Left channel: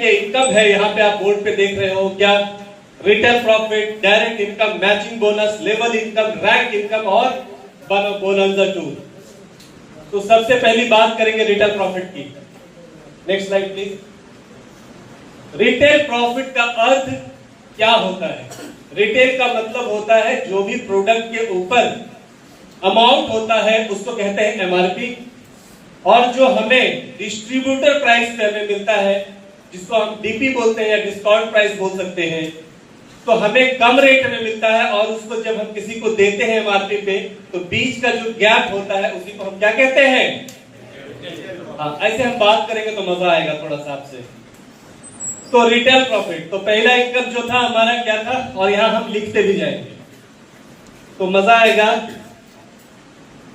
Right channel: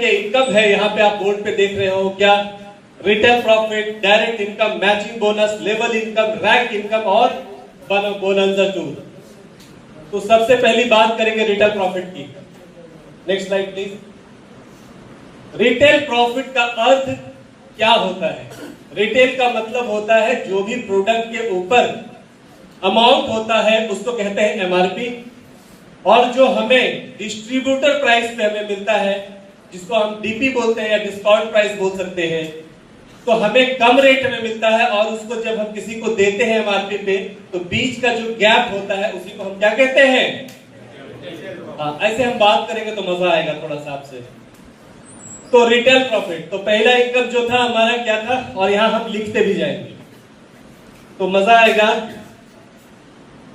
के इनकम है, यहाँ पे आप बोर्ड पे देख रहे हो क्या, retail profit, direct income, matching bonus, level income, rank income और बोनंजा 2। तो सबसे पहली बात करेंगे रिटेल प्रॉफिट की। Next slide please. Retail profit का अर्थ क्या होता है? रिटेल का मतलब होता है जो भी प्रोडक्ट के ऊपर अमाउंट होता है उसको कहते हैं एमआरपी, और जो हमें डिस्ट्रीब्यूटर प्राइस पे हमें मिलता है जिसको हम डीपी बोलते हैं या डिस्काउंट प्राइस बोल सकते हैं, तो हमें कम रेट में मिलता है और उसको जब हम किसी को देते हैं एमआरपी पे तो बीच का जो गैप होता है उसी को हम क्या कहते हैं? हाँ, ऐसे हम बात करेंगे तो मजा आएगा थोड़ा सा आपसे। तो रिटेल प्रॉफिट, तो पहला इनकम जो था हमारा क्या था, और यहां हम लिखते भी जाएंगे तो मजा आएगा।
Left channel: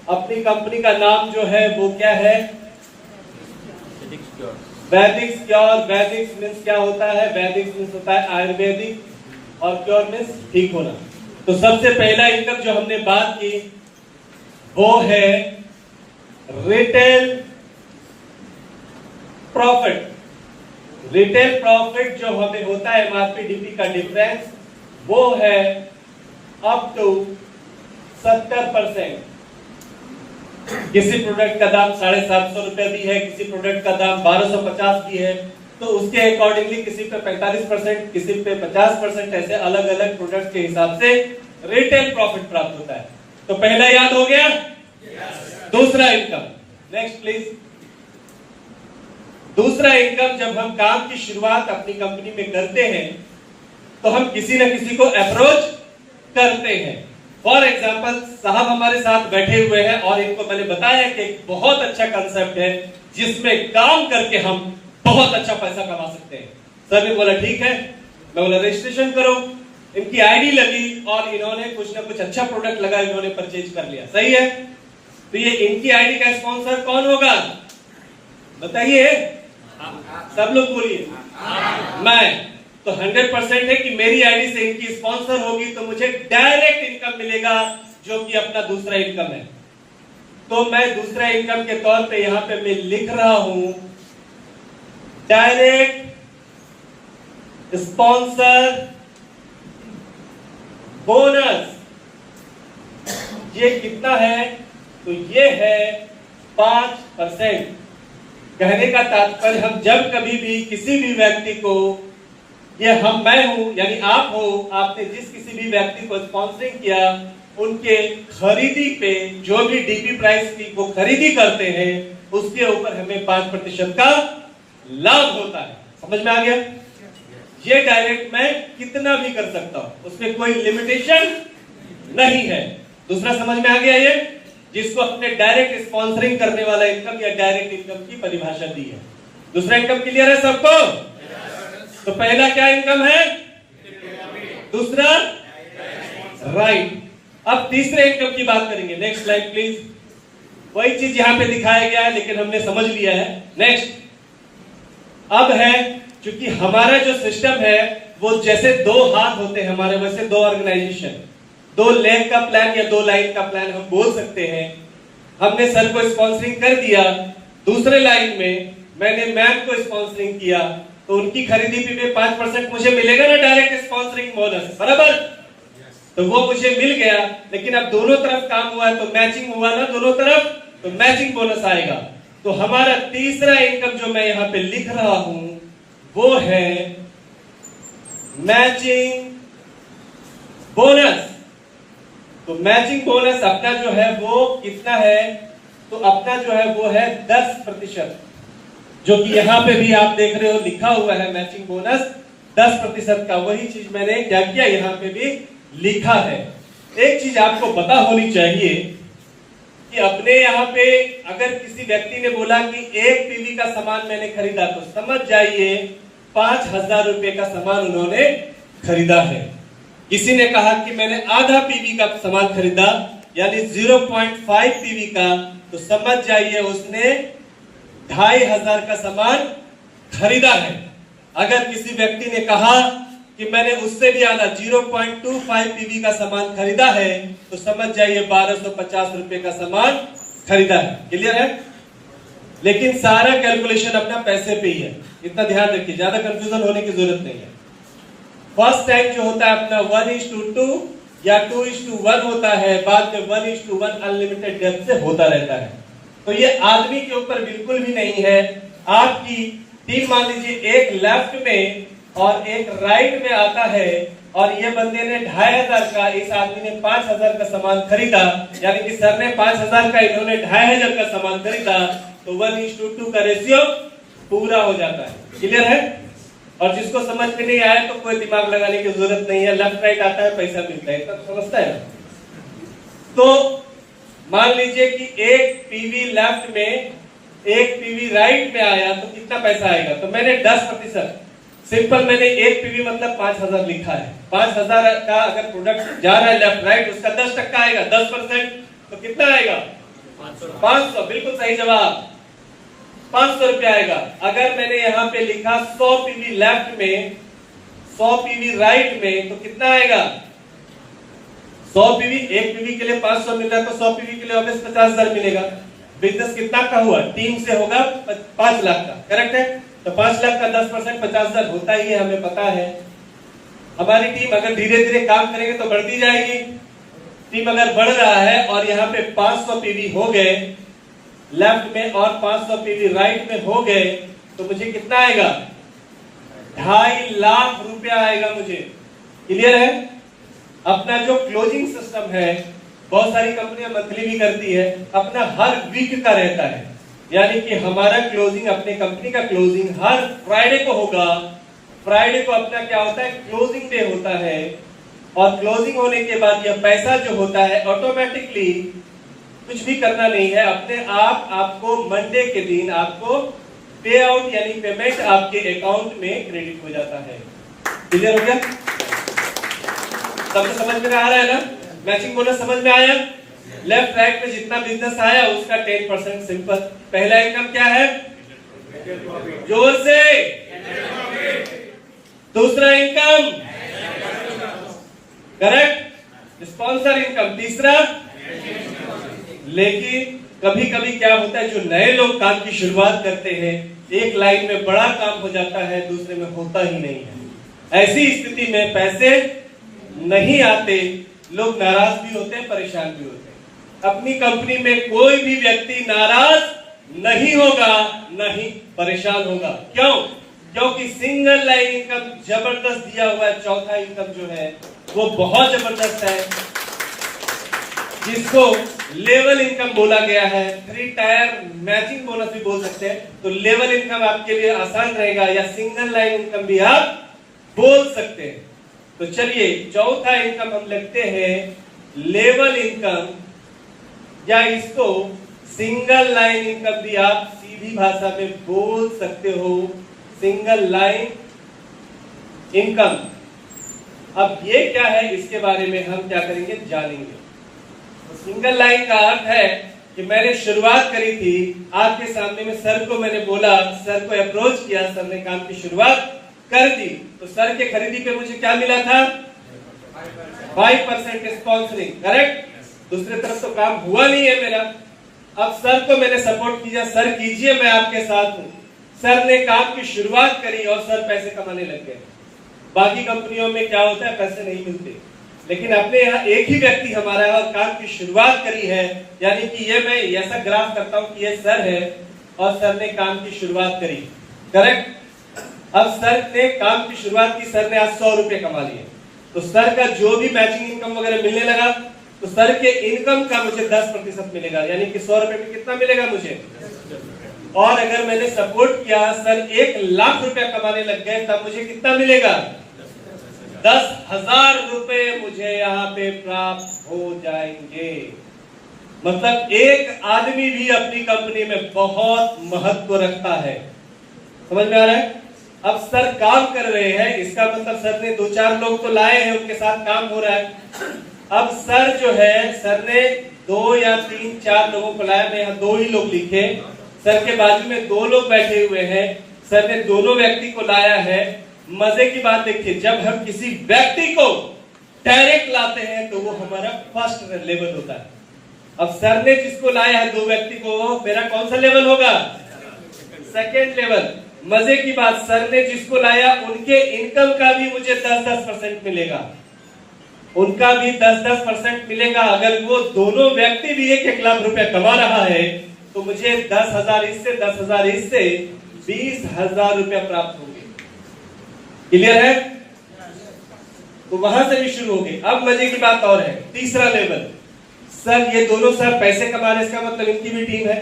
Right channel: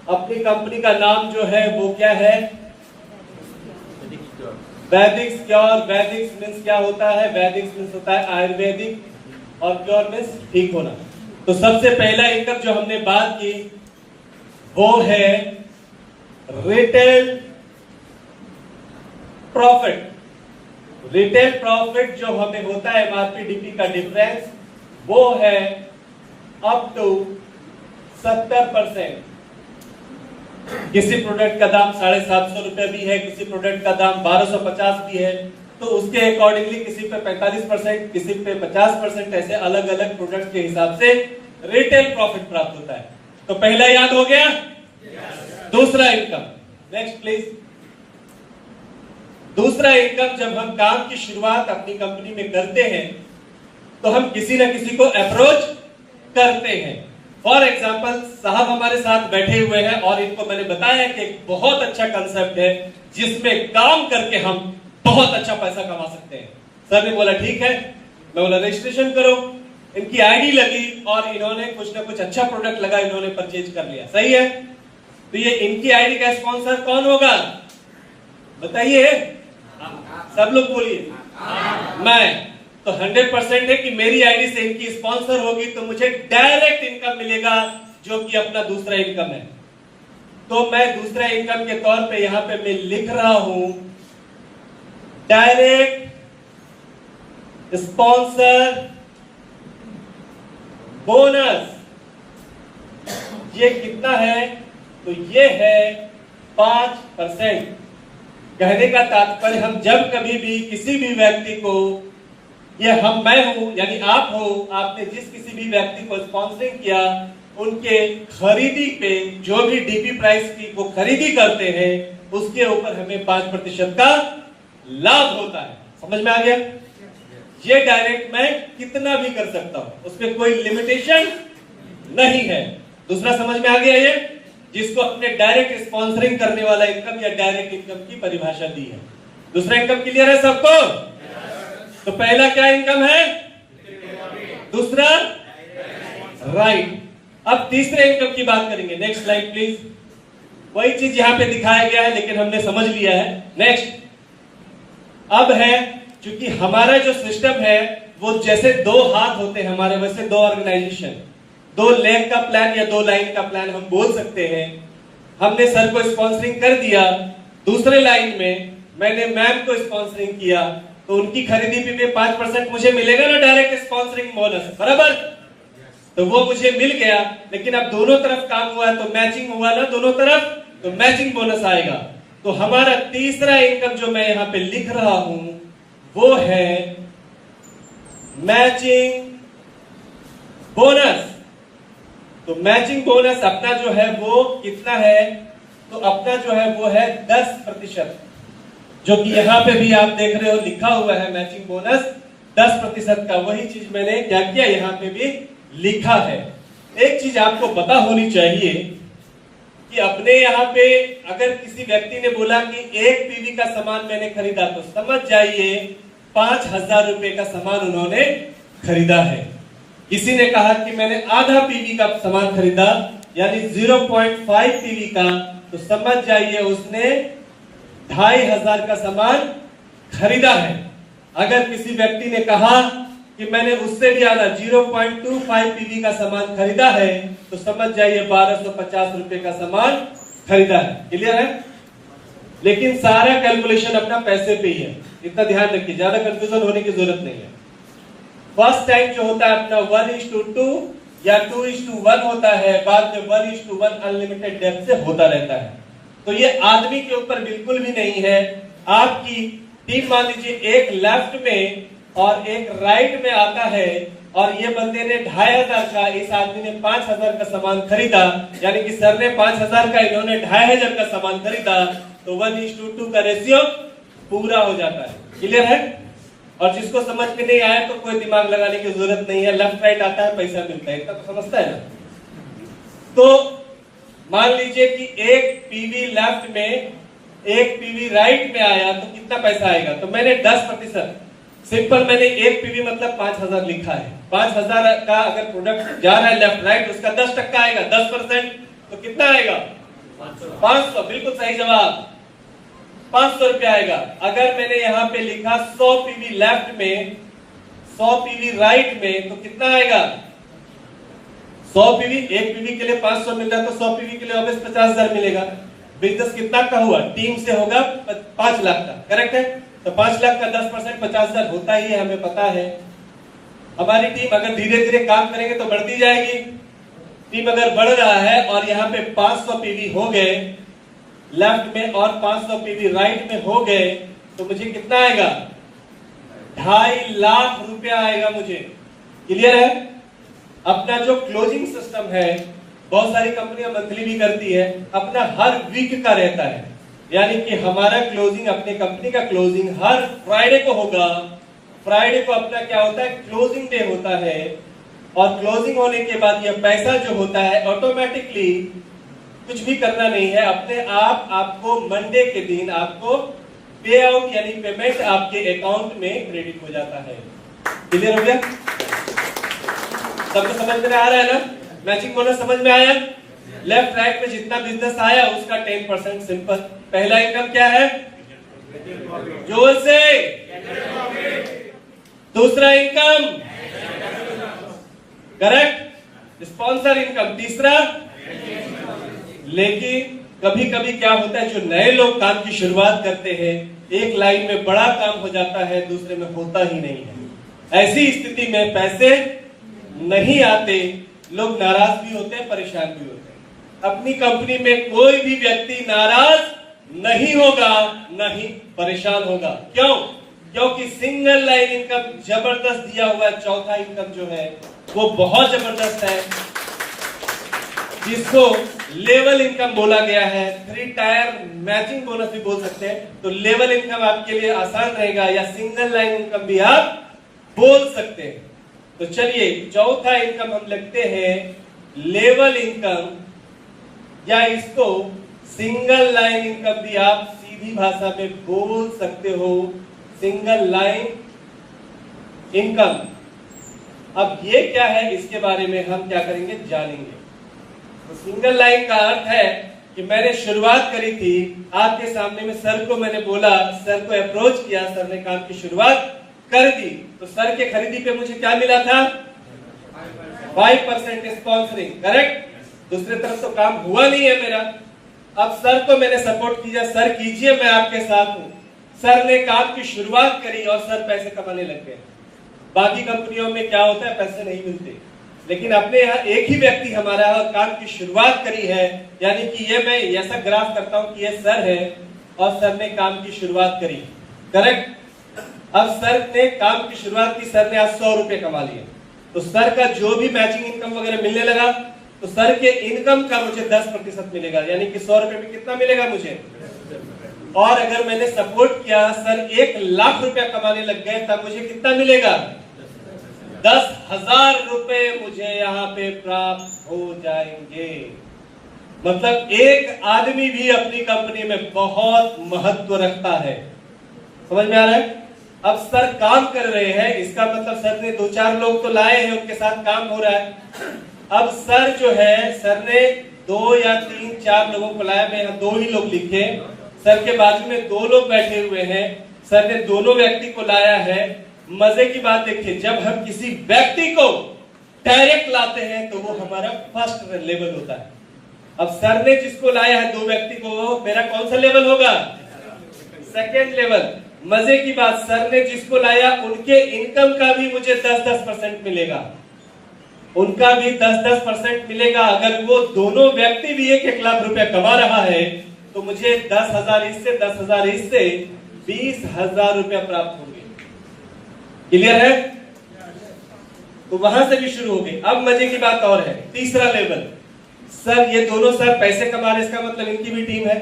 अपनी कंपनी का नाम जो है वो क्या है? वैदिक श्योर। वैदिक मीन्स क्या होता है? वैदिक मीन्स होता है आयुर्वेदिक और प्योर मीन्स ठीक होना। तो सबसे पहला इनकम जो हमने बात की वो है रिटेल प्रॉफिट। रिटेल प्रॉफिट जो हमें होता है एमआरपी डीपी का डिफरेंस, वो है अप टू 70%। किसी प्रोडक्ट का दाम 750 रुपए भी है, किसी प्रोडक्ट का दाम 1250 भी है, तो उसके अकॉर्डिंगली किसी पे 45%, किसी पे 50%, ऐसे अलग अलग प्रोडक्ट के हिसाब से रिटेल प्रॉफिट प्राप्त होता है। तो पहला याद हो गया? दूसरा इनकम, नेक्स्ट प्लीज। दूसरा इनकम, जब हम काम की शुरुआत अपनी कंपनी में करते हैं तो हम किसी न किसी को अप्रोच करते हैं। फॉर एग्जाम्पल, साहब हमारे साथ बैठे हुए हैं और इनको मैंने बताया कि एक बहुत अच्छा कंसेप्ट है जिसमें काम करके हम बहुत अच्छा पैसा कमा सकते हैं। सर ने बोला ठीक है। मैं बोला रजिस्ट्रेशन करो। इनकी आईडी लगी और इन्होंने कुछ ना कुछ अच्छा प्रोडक्ट लगा, इन्होंने परचेज कर लिया। सही है। तो ये इनकी आईडी का स्पॉन्सर कौन होगा बताइए? सब लोग बोलिए। मैं। तो 100% है कि मेरी आईडी से इनकी स्पॉन्सर होगी तो मुझे डायरेक्ट इनकम मिलेगा जो कि अपना दूसरा इनकम है। तो मैं दूसरा इनकम के तौर पे यहां पे मैं लिख रहा हूं डायरेक्ट स्पॉन्सर बोनस। ये कितना है? तो ये है 5%। कहने का तात्पर्य, हम जब कभी भी किसी भी व्यक्ति को, ये मैं हूं यानी आप हो, आपने जिस किसी भी व्यक्ति को स्पॉन्सरिंग किया, उनके खरीदी पे जो भी डीपी प्राइस की वो खरीदी करते हैं उसके ऊपर हमें 5% का लाभ होता है। समझ में आ गया? ये डायरेक्ट मैं कितना भी कर सकता हूं, उसमें कोई लिमिटेशन नहीं है। दूसरा समझ में आ गया? ये जिसको अपने डायरेक्ट स्पॉन्सरिंग करने वाला इनकम या डायरेक्ट इनकम की परिभाषा दी है। दूसरा इनकम क्लियर है सबको? तो पहला क्या इनकम है? दूसरा राइट। अब तीसरे इनकम की बात करेंगे। Next slide please. वही चीज यहां पे दिखाया गया है लेकिन हमने समझ लिया है। नेक्स्ट। अब है, क्योंकि हमारा जो सिस्टम है वो जैसे 2 हाथ होते हैं हमारे, वैसे 2 ऑर्गेनाइजेशन, 2 लेग का प्लान या 2 लाइन का प्लान हम बोल सकते हैं। हमने सर को स्पॉन्सरिंग कर दिया, दूसरे लाइन में मैंने मैम को स्पॉन्सरिंग किया, तो उनकी खरीदी पे 5% मुझे मिलेगा ना डायरेक्ट स्पॉन्सरिंग बोनस, बराबर? तो वो मुझे मिल गया, लेकिन अब दोनों तरफ काम हुआ तो मैचिंग हुआ ना दोनों तरफ, तो मैचिंग बोनस आएगा। तो हमारा तीसरा इनकम जो मैं यहां पे लिख रहा हूं वो है मैचिंग बोनस। तो मैचिंग बोनस अपना जो है वो कितना है? तो अपना जो है वो है 10%, जो कि यहां पे भी आप देख रहे हो लिखा हुआ है मैचिंग बोनस 10% का। वही चीज मैंने क्या किया, यहां पे भी लिखा है। एक चीज आपको पता होनी चाहिए कि अपने यहाँ पे अगर किसी व्यक्ति ने बोला कि 1 पीवी का सामान मैंने खरीदा, तो समझ जाइए 5000 रुपए का सामान उन्होंने खरीदा है। किसी ने कहा कि मैंने आधा पीवी का सामान खरीदा यानी 0.5 पीवी का, तो समझ जाइए उसने 2500 का सामान खरीदा है। अगर किसी व्यक्ति ने कहा कि मैंने उससे भी आधा 0.25 पीवी का सामान खरीदा है, तो समझ जाइए 1250 रुपए का सामान खरीदा है। क्लियर है? लेकिन सारा कैलकुलेशन अपना पैसे पे ही है, इतना ध्यान रखिए, ज्यादा कंफ्यूजन होने की जरूरत नहीं है। फर्स्ट टाइम जो होता है अपना 1:2 या 2:1 होता है, बाद में 1:1 अनलिमिटेड डेप्थ से होता रहता है। तो ये आदमी के ऊपर बिल्कुल भी नहीं है। आपकी टीम मान लीजिए एक लेफ्ट में और एक राइट में आता है, और ये बंदे ने 2500 का, इस आदमी ने 5000 का सामान खरीदा, यानी कि सर ने 5000 का, इन्होंने 2500 का सामान खरीदा, तो 1:2 का रेशियो पूरा हो जाता है। क्लियर है? और जिसको समझ में नहीं आया तो कोई दिमाग लगाने की जरूरत नहीं है, लेफ्ट राइट आता है, पैसा मिलता है, इतना तो समझता है ना। तो मान लीजिए कि एक पीवी लेफ्ट में, एक पीवी राइट में आया, तो कितना पैसा आएगा? तो मैंने 10%, सिंपल मैंने एक पीवी मतलब 5000 लिखा है। 5000 का अगर प्रोडक्ट जा रहा है लेफ्ट राइट, उसका 10% आएगा, 10%, तो कितना आएगा? 500। बिल्कुल सही जवाब, 500 रुपया आएगा। अगर मैंने यहाँ पे लिखा 100 पीवी लेफ्ट में, 100 पीवी राइट में, तो कितना आएगा? 100 पीवी, एक पीवी के लिए 500 मिल रहा है, तो 100 पीवी के लिए ऑब्वियस 50,000 मिलेगा। बिजनेस कितना का हुआ? टीम से होगा 5 लाख का, करेक्ट है? तो 5 लाख का 10% 50,000 होता ही है, हमें पता है। हमारी टीम अगर धीरे धीरे काम करेंगे तो बढ़ती जाएगी। टीम अगर बढ़ रहा है और यहाँ पे 500 पीवी हो गए लेफ्ट में और 500 पीवी राइट में हो गए, तो मुझे कितना आएगा? 2.5 लाख रुपया आएगा मुझे। क्लियर है? अपना जो क्लोजिंग सिस्टम है, बहुत सारी कंपनियां मंथली भी करती है, अपना हर वीक का रहता है, यानी कि हमारा क्लोजिंग, अपने कंपनी का क्लोजिंग हर फ्राइडे को होगा। फ्राइडे को अपना क्या होता है? क्लोजिंग डे होता है। और क्लोजिंग होने के बाद यह पैसा जो होता है ऑटोमेटिकली, कुछ भी करना नहीं है, अपने आप आपको मंडे के दिन आपको पे आउट यानी पेमेंट आपके अकाउंट में क्रेडिट हो जाता है। क्लियर हो गया? सबको समझ में आ रहा है ना? मैचिंग बोनस समझ में आया? लेफ्ट राइट में जितना बिजनेस आया उसका 10%। सिंपल। पहला इनकम क्या है? जोर से। दूसरा इनकम करेक्ट, स्पॉन्सर इनकम। तीसरा, लेकिन कभी कभी क्या होता है, जो नए लोग काम की शुरुआत करते हैं, एक लाइन में बड़ा काम हो जाता है, दूसरे में होता ही नहीं है। ऐसी स्थिति में पैसे नहीं आते, लोग नाराज भी होते हैं, परेशान भी होते हैं। अपनी कंपनी में कोई भी व्यक्ति नाराज नहीं होगा, नहीं परेशान होगा। क्यों? क्योंकि सिंगल लाइन इनकम जबरदस्त दिया हुआ है। चौथा इनकम जो है वो बहुत जबरदस्त है, जिसको लेवल इनकम बोला गया है। 3 टायर मैचिंग बोनस भी बोल सकते हैं। तो लेवल इनकम आपके लिए आसान रहेगा, या सिंगल लाइन इनकम भी आप बोल सकते हैं। तो चलिए, चौथा इनकम हम लिखते हैं लेवल इनकम, या इसको सिंगल लाइन इनकम भी आप सीधी भाषा में बोल सकते हो, सिंगल लाइन इनकम। अब ये क्या है, इसके बारे में हम क्या करेंगे, जानेंगे। तो सिंगल लाइन का अर्थ है कि मैंने शुरुआत करी थी आपके सामने में, सर को मैंने बोला, सर को अप्रोच किया, सर ने काम की शुरुआत कर दी, तो सर के खरीदी पे मुझे क्या मिला था? 5% स्पॉन्सरिंग, करेक्ट। दूसरी तरफ तो काम हुआ नहीं है मेरा। अब सर को मैंने सपोर्ट किया, सर कीजिए, मैं आपके साथ हूं। सर ने काम की शुरुआत करी और सर पैसे कमाने लग गए। बाकी कंपनियों में क्या होता है, पैसे नहीं मिलते, लेकिन अपने यहाँ एक ही व्यक्ति हमारा है और काम की शुरुआत करी है, यानी कि ये मैं ऐसा ग्राफ करता हूं कि ये सर है और सर ने काम की शुरुआत करी, करेक्ट। अब सर ने काम की शुरुआत की, सर ने आज 100 रुपए कमा लिए, तो सर का जो भी मैचिंग इनकम वगैरह मिलने लगा, तो सर के इनकम का मुझे 10% मिलेगा, यानी कि 100 रुपए में कितना मिलेगा मुझे। और अगर मैंने सपोर्ट किया, सर 1 लाख रुपया कमाने लग गए, तब मुझे कितना मिलेगा? 10,000 रुपए मुझे यहाँ पे प्राप्त हो जाएंगे। मतलब एक आदमी भी अपनी कंपनी में बहुत महत्व रखता है। समझ में आ रहा है? अब सर काम कर रहे हैं, इसका मतलब सर ने 2-4 लोग तो लाए हैं, उनके साथ काम हो रहा है। अब सर जो है, सर ने 2 या 3-4 लोगों को लाया, मैं यहाँ 2 ही लोग लिखे। सर के बाजू में 2 लोग बैठे हुए हैं, सर ने दोनों व्यक्ति को लाया है। मजे की बात देखिए, जब हम किसी व्यक्ति को डायरेक्ट लाते हैं तो वो हमारा फर्स्ट लेवल होता है। अब सर ने जिसको लाया है 2 व्यक्ति को, वो मेरा कौन सा लेवल होगा? सेकेंड लेवल, मजे की बात, सर ने जिसको लाया उनके इनकम का भी मुझे 10-10% मिलेगा, उनका भी 10-10% मिलेगा। अगर वो दोनों व्यक्ति भी 1-1 लाख रुपया कमा रहा है तो मुझे 10,000 इससे 10,000 इससे 20,000 रुपया प्राप्त होंगे। क्लियर है? तो वहां से भी शुरू हो गई। अब मजे की बात और है, तीसरा लेवल, सर ये दोनों सर पैसे कमा रहे, इसका मतलब इनकी भी टीम है,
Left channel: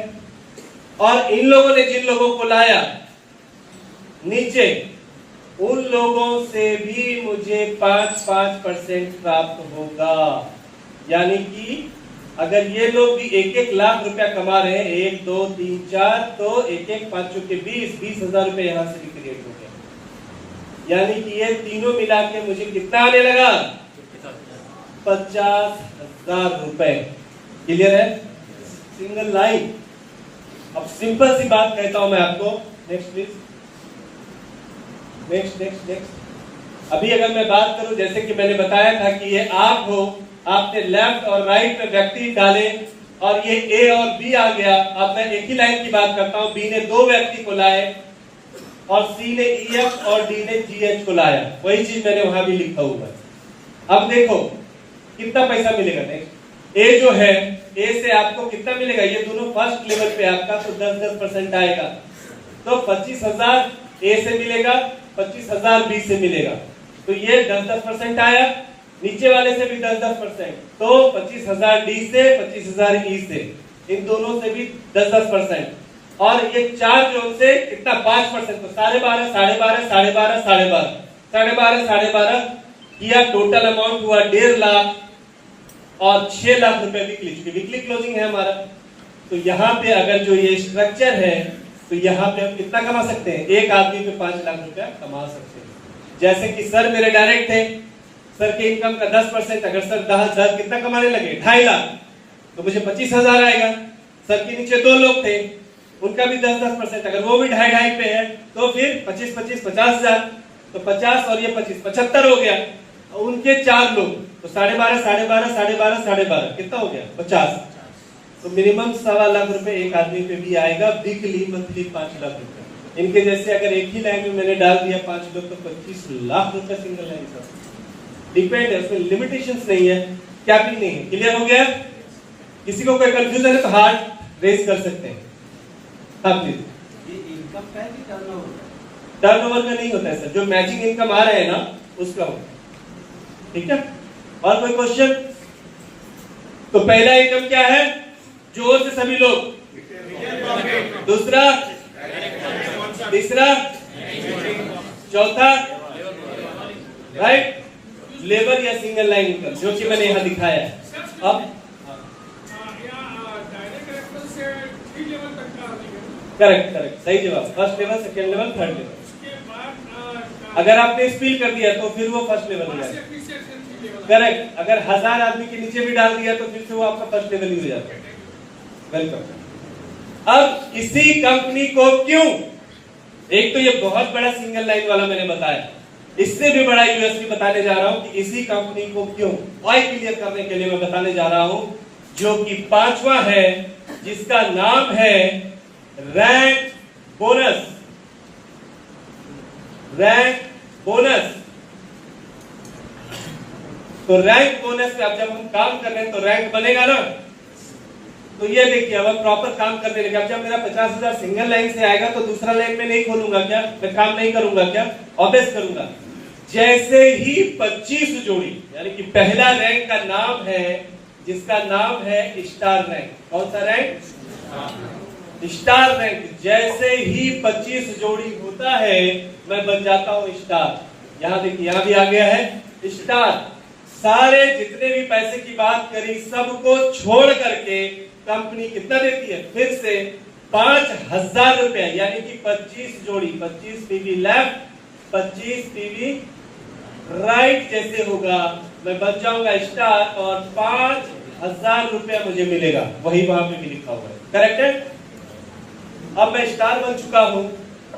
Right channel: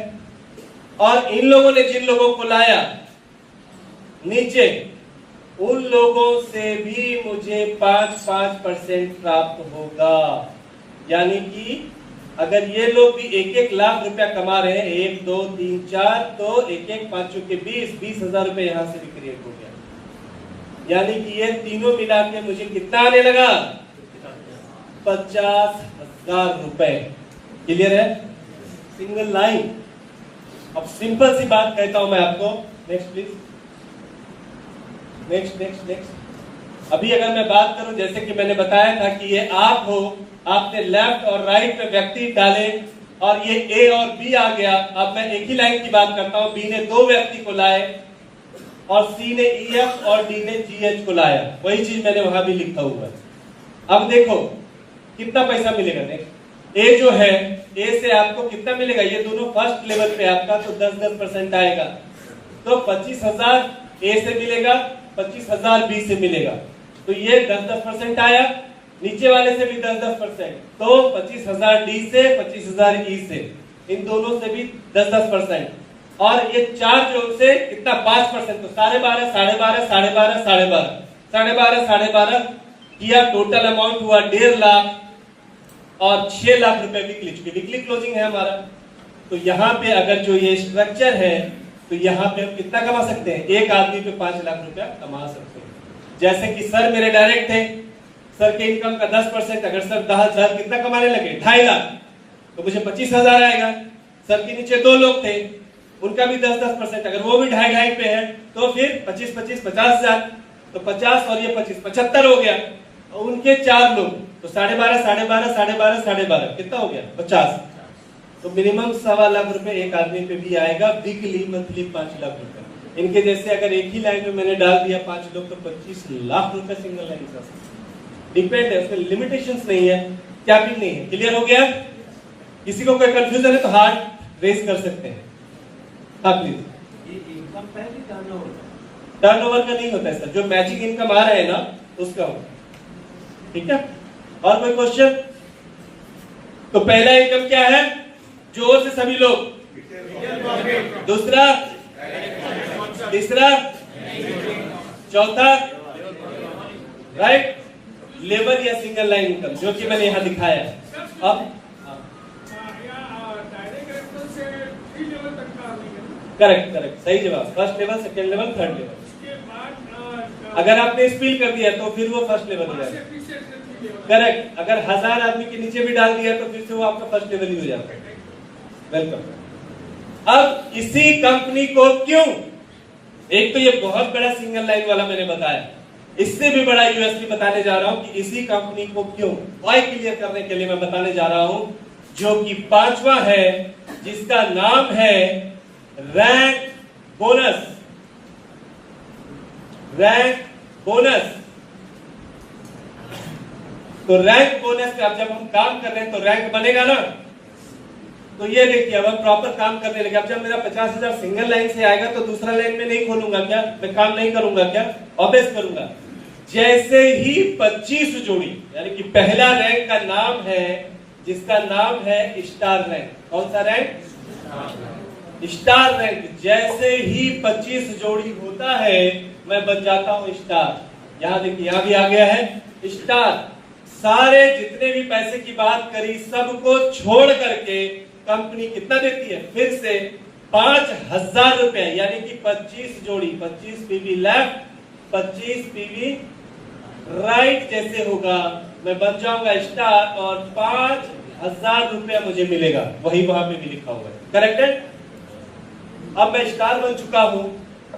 और इन लोगों ने जिन लोगों को लाया नीचे, उन लोगों से भी मुझे 5% प्राप्त होगा। यानी कि अगर ये लोग भी 1-1 लाख रुपया कमा रहे हैं, 1, 2, 3, 4, तो 1-1 5 के 20,000 रुपए यहां से भी क्रिएट हो गया। यानी कि ये तीनों मिला के मुझे कितना आने लगा? 50,000 रुपए। क्लियर है? Single line. अब सिंपल सी बात कहता हूं मैं आपको, नेक्स्ट प्लीज, नेक्स्ट। अभी अगर मैं बात करूं, जैसे कि मैंने बताया था कि ये आप हो, आपने लेफ्ट और राइट में व्यक्ति डाले और ये ए और बी आ गया। अब मैं एक ही लाइन की बात करता हूं, बी ने 2 व्यक्ति को लाए और सी ने EF और डी ने GH को लाया, वही चीज मैंने वहां भी लिखा हुआ। अब देखो कितना पैसा मिलेगा। नेक्स्ट, ए जो है, ए से आपको कितना मिलेगा? ये दोनों फर्स्ट लेवल पे आपका, तो 10-10% आएगा, तो 25,000 ए से मिलेगा, 25,000 बी से मिलेगा, तो ये 10-10% आया। नीचे वाले से भी 10-10%, तो 25,000 डी से, 25,000 ई से, इन दोनों से भी 10-10%, और ये 4 जो से कितना 5%, तो 12.5, 12.5, 12.5, 12.5, 12.5 किया। टोटल अमाउंट हुआ 1.5 लाख और 6 लाख रुपए वीकली क्लोजिंग है हमारा। तो यहाँ पे अगर जो ये स्ट्रक्चर है, तो यहाँ पे हम कितना कमा सकते हैं? एक आदमी पे 5 लाख रुपया कमा सकते हैं। जैसे कि सर मेरे डायरेक्ट थे, सर के इनकम का 10%, अगर सर 10,000 कितना कमाने लगे? 2.5 लाख, तो मुझे 25,000 आएगा। सर के नीचे 2 लोग थे, उनका भी 10-10%, अगर वो भी 2.5 पे है तो फिर 25-25 50,000, तो 50 और ये 25 75 हो गया। उनके 4 लोग, तो 12.5, 12.5, 12.5, 12.5 कितना हो गया? 50। तो मिनिमम 1.25 लाख रुपए एक आदमी पे भी आएगा वीकली, मंथली 5 लाख रुपए। इनके जैसे अगर एक ही लाइन में मैंने डाल दिया 5 लोग, तो 25 लाख रुपए सिंगल लाइन का। डिपेंड है, उसमें लिमिटेशंस नहीं है, कैपिंग नहीं है। क्लियर हो गया? किसी को कोई कंफ्यूजन है तो हाथ रेज कर सकते हैं। हाँ प्लीज। ये इनकम का है कि टर्नओवर? टर्नओवर का नहीं होता है सर, जो मैचिंग इनकम आ रहा है ना उसका होता है। ठीक है? और कोई क्वेश्चन? तो पहला इनकम क्या है? जोर से सभी लोग। दूसरा, तीसरा, चौथा, राइट, लेबर या सिंगल लाइन इनकम, जो कि मैंने यहां दिखाया है। अब करेक्ट, सही जवाब। First level, second level, third level. अगर आपने स्पील कर दिया तो फिर वो फर्स्ट लेवल हो जाएगा। करेक्ट, अगर 1000 आदमी के नीचे भी डाल दिया तो फिर से वो आपका फर्स्ट लेवल ही हो जाता है। वेलकम। अब इसी कंपनी को क्यों, एक तो ये बहुत बड़ा सिंगल लाइन वाला मैंने बताया, इससे भी बड़ा यूएसपी बताने जा रहा हूं कि इसी कंपनी को क्यों, वाई क्लियर करने के लिए मैं बताने जा रहा हूं, जो कि 5वां है, जिसका नाम है रैंक बोनस। Rank bonus. तो रैंक बोनस से अब जब हम काम कर रहे हैं तो रैंक बनेगा ना। तो ये देखिए, अब हम प्रॉपर काम करने लगे। अब जब मेरा 50,000 सिंगल लाइन से आएगा तो दूसरा लाइन में नहीं खोलूंगा क्या? मैं काम नहीं करूंगा क्या? ऑब्वियस करूंगा। जैसे ही 25 जोड़ी, यानी कि पहला रैंक का नाम है, जिसका नाम है स्टार रैंक। कौन सा रैंक? Star rank. जैसे ही 25 जोड़ी होता है मैं बन जाता हूं स्टार। यहां देखिए, यहां भी आ गया है स्टार। सारे जितने भी पैसे की बात करी सबको छोड़ करके कंपनी कितना देती है? फिर से 5,000 रुपए, यानी कि 25 जोड़ी, 25 पीवी लेफ्ट, 25 पीवी राइट जैसे होगा, मैं बन जाऊंगा स्टार और 5,000 रुपए मुझे मिलेगा। वही वहां पे भी लिखा हुआ है। करेक्ट है? अब मैं स्टार बन चुका हूं।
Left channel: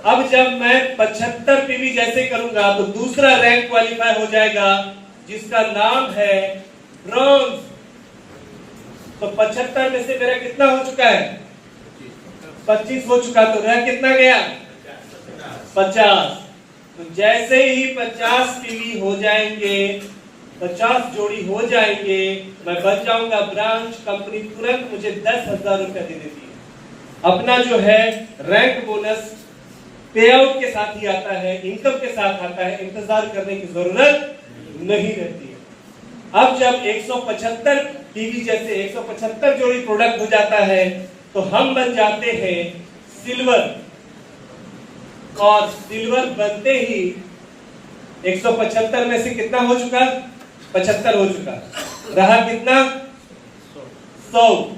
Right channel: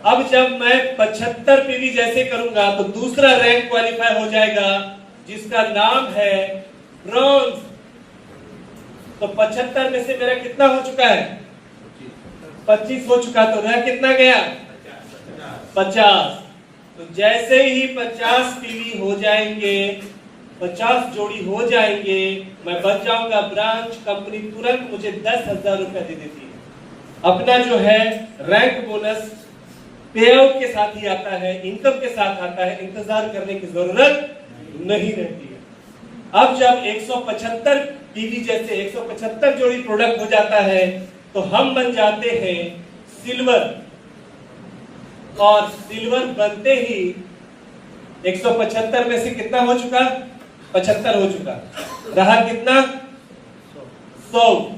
अब जब मैं 75 पीवी जैसे करूंगा तो दूसरा रैंक क्वालिफाई हो जाएगा, जिसका नाम है ब्रॉन्ज। तो 75 में से मेरा कितना हो चुका है? 25 हो चुका, तो रह कितना गया? 50। तो जैसे ही 50 टीवी हो जाएंगे, 50 जोड़ी हो जाएंगे, मैं बच जाऊंगा ब्रांच। कंपनी तुरंत मुझे 10,000 रुपया दे देती है। अपना जो है रैंक बोनस पे आउट के साथ ही आता है, इनकम के साथ आता है, इंतजार करने की जरूरत नहीं रहती है। अब जब 175 टीवी जैसे 175 जोड़ी प्रोडक्ट हो जाता है, तो हम बन जाते हैं सिल्वर। और सिल्वर बनते ही 175 में से कितना हो चुका? 75 हो चुका। रहा कितना? 100।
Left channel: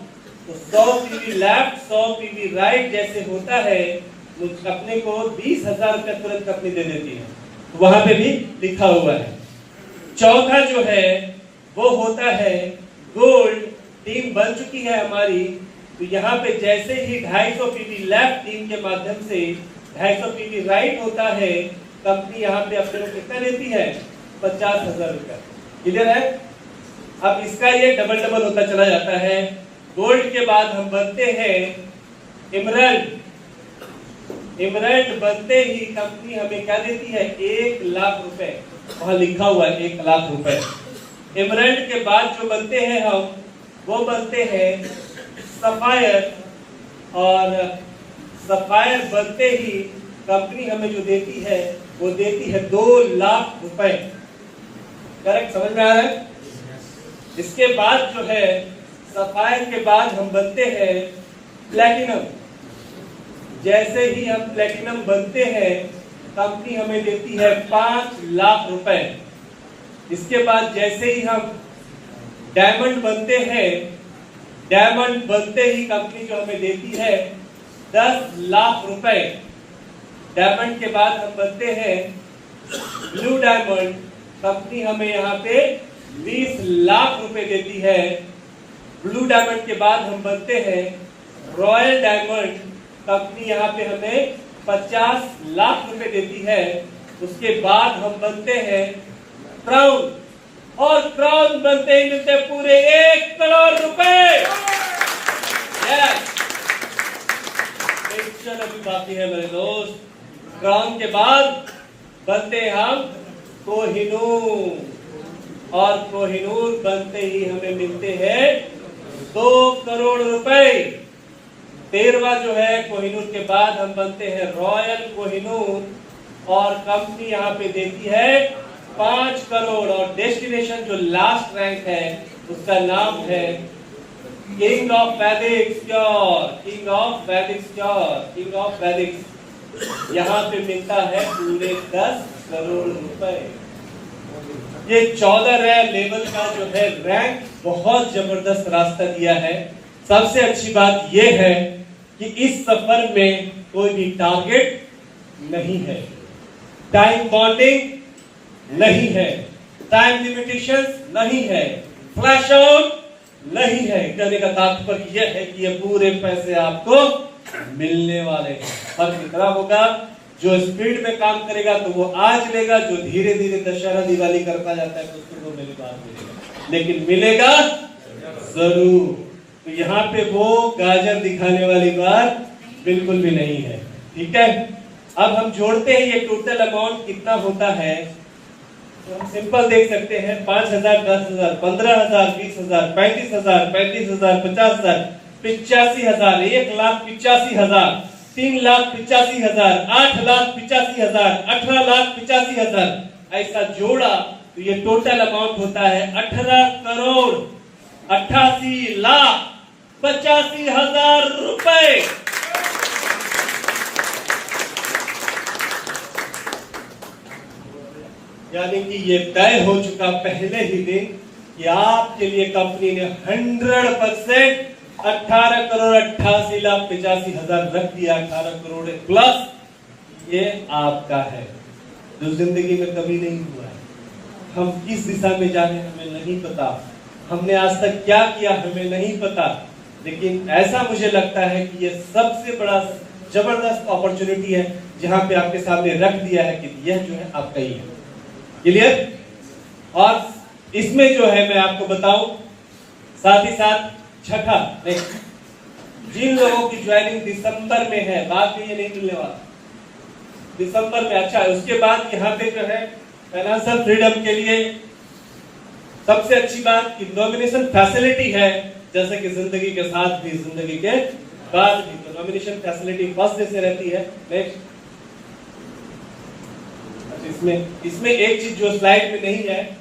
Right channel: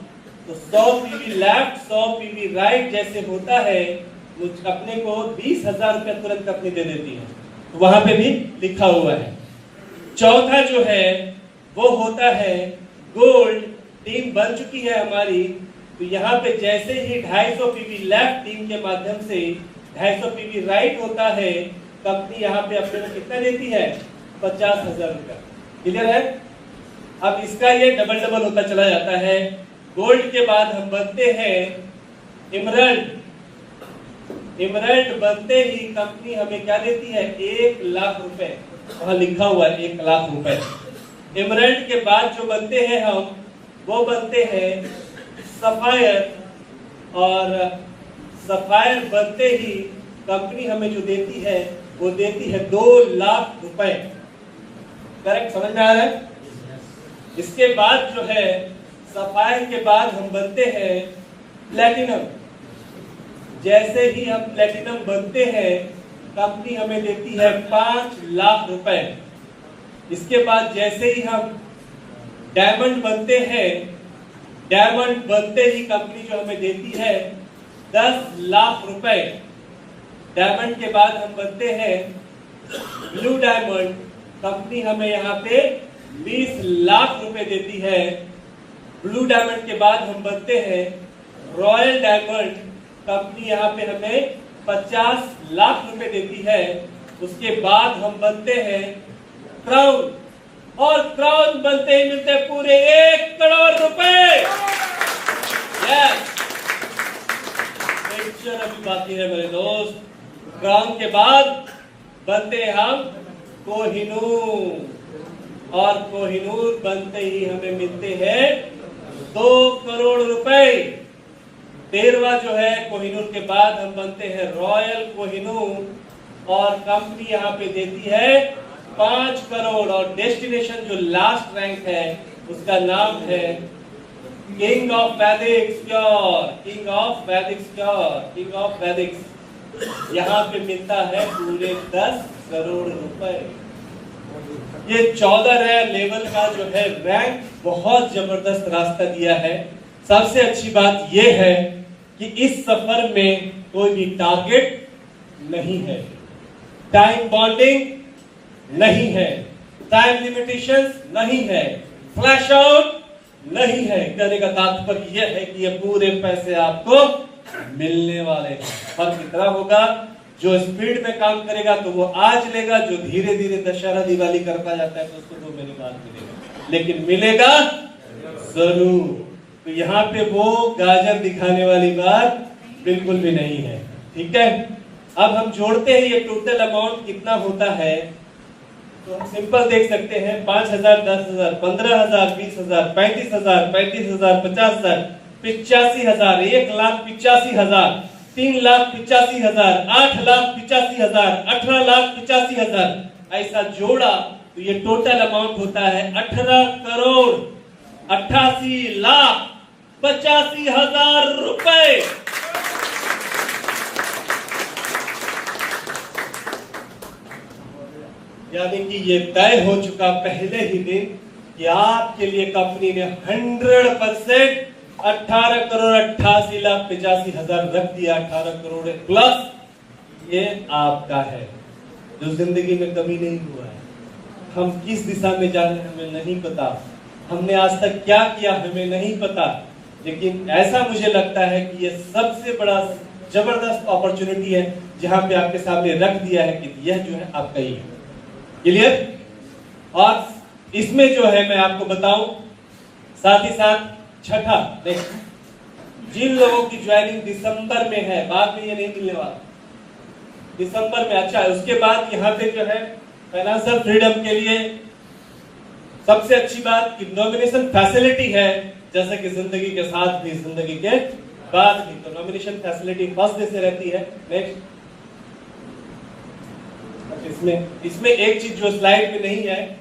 तो 100 पीवी लेफ्ट 100 पीवी राइट जैसे होता है, मुझ अपने को 20,000 रुपया तुरंत कंपनी दे देती है। तो वहां पे भी लिखा हुआ है। चौथा जो है वो होता है गोल्ड। टीम बन चुकी है हमारी, तो यहाँ पे जैसे ही 250 पीवी लेफ्ट टीम के माध्यम से 250 पीवी राइट होता है, कंपनी यहाँ पे अपने को कितना देती है? 50,000 रुपया। क्लियर है? अब इसका ये डबल डबल होता चला जाता है। गोल्ड के बाद हम बनते हैं इमरल्ड। इमरल्ड बनते ही कंपनी हमें क्या देती है? 1 लाख रुपए। वहां लिखा हुआ है 1 लाख रुपए। इमरल्ड के बाद जो बनते हैं हम, वो बनते हैं सफायर। और सफायर बनते ही कंपनी हमें जो देती है, वो देती है 2 लाख रुपए। करेक्ट? समझ में आ रहा है? इसके बाद जो है सफायर के बाद हम बनते हैं प्लेटिनम। जैसे ही हम प्लेटिनम बनते हैं, कंपनी हमें देती है 5 लाख रुपए। इसके बाद जैसे ही हम डायमंड बनते हैं, डायमंड बनते ही कंपनी जो हमें देती है 10 लाख रुपए। डायमंड के बाद हम बनते हैं ब्लू डायमंड। कंपनी हमें यहाँ पे 20 लाख रुपए देती है। ब्लू डायमंड के बाद हम बनते हैं रॉयल डायमंड। कंपनी यहाँ पे हमें 50 लाख रुपए देती है। उसके बाद हम बनते हैं क्राउन। और क्राउन बनते ही मिलते पूरे 1 करोड़ रुपए। यस, पिक्चर अभी बाकी है मेरे दोस्त। क्राउन के बाद बनते हम कोहिनूर। और कोहिनूर बनते ही हमें मिलते हैं 2 करोड़ रुपए। 13वां जो है कोहिनूर के बाद हम बनते हैं रॉयल कोहिनूर। और कंपनी यहाँ पे देती है 5 करोड़। और डेस्टिनेशन जो लास्ट रैंक है, उसका नाम है किंग ऑफ वैदिक स्क्योर। किंग ऑफ वैदिक स्क्योर, किंग ऑफ वैदिक। यहाँ पे मिलता है पूरे 10 करोड़ रुपए। ये 14 लेवल का जो है रैंक बहुत जबरदस्त रास्ता दिया है। सबसे अच्छी बात यह है कि इस सफर में कोई भी टारगेट नहीं है, टाइम बॉन्डिंग नहीं है, टाइम लिमिटेशंस नहीं है, फ्लैश आउट नहीं है। कहने का तात्पर्य यह है कि ये पूरे पैसे आपको मिलने वाले हैं। फर्क कितना होगा? जो स्पीड में काम करेगा तो वो आज लेगा, जो धीरे धीरे दशहरा दिवाली करता जाता है तो उसको 2 महीने बाद मिलेगा, लेकिन मिलेगा जरूर। तो यहाँ पे वो गाजर दिखाने वाली बात बिल्कुल भी नहीं है। ठीक है? अब हम जोड़ते हैं ये टोटल अमाउंट कितना होता है, तो हम सिंपल देख सकते हैं 5,000, 10,000, 15,000, 20,000, 35,000, 35,000, 50,000, 85,000, 1,85,000, 3,85,000, 8,85,000, 18,85,000। ऐसा जोड़ा तो ये टोटल अमाउंट होता है 18 करोड़ 88 लाख 85,000 रुपए। यानी कि ये तय हो चुका पहले ही दिन कि आपके लिए कंपनी ने 100% 18 करोड़ 88 लाख 85,000 रख दिया। 18 करोड़ प्लस ये आपका है, जो जिंदगी में कभी नहीं हुआ है। हम किस दिशा में जा रहे हैं हमें नहीं पता, हमने आज तक क्या किया हमें नहीं पता, लेकिन ऐसा मुझे लगता है कि ये सबसे बड़ा जबरदस्त अपॉर्चुनिटी है जहां पे आपके सामने रख दिया है कि यह जो है आपका ही है। क्लियर? और इसमें जो है मैं आपको बताऊं, साथ ही साथ छठा जिन लोगों की ज्वाइनिंग दिसंबर में है, बाद में ये नहीं मिलने वाला, दिसंबर में। अच्छा, उसके बाद यहाँ पे जो है फाइनेंशियल फ्रीडम के लिए सबसे अच्छी बात कि नॉमिनेशन फैसिलिटी है, जैसे कि जिंदगी के साथ भी जिंदगी के बाद भी, तो नॉमिनेशन फैसिलिटी फर्स्ट डे से रहती है। नेक्स्ट, इसमें एक चीज जो स्लाइड में नहीं है,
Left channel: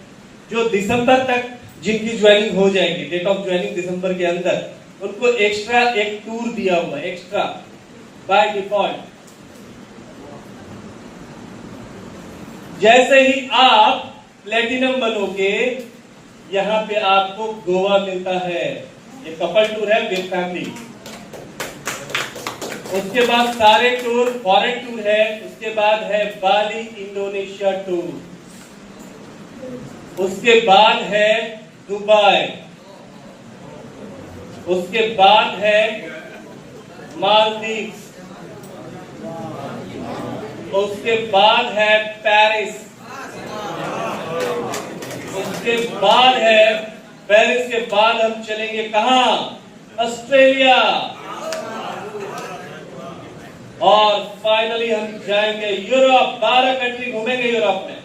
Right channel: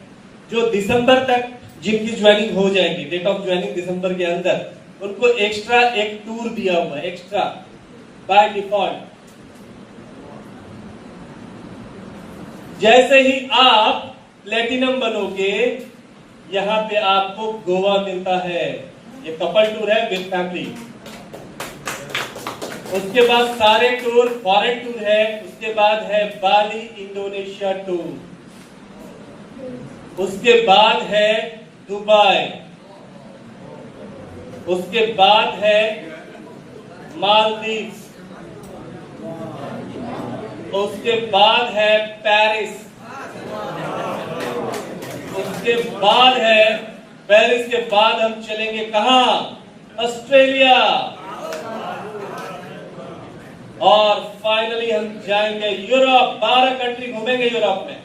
जो दिसंबर तक जिनकी ज्वाइनिंग हो जाएगी, डेट ऑफ ज्वाइनिंग दिसंबर के अंदर, उनको एक्स्ट्रा एक टूर दिया हुआ, एक्स्ट्रा बाय डिफॉल्ट। जैसे ही आप प्लेटिनम बनोगे, यहाँ पे आपको गोवा मिलता है, ये कपल टूर है विद फैमिली। उसके बाद सारे टूर फॉरेन टूर है, उसके बाद है बाली इंडोनेशिया टूर, उसके बाद है दुबई, उसके बाद है मालदीव्स, उसके बाद है पेरिस, उसके बाद है पेरिस के बाद हम चलेंगे कहां? ऑस्ट्रेलिया, और फाइनली हम जाएंगे यूरोप। 12 कंट्री घूमेंगे यूरोप में।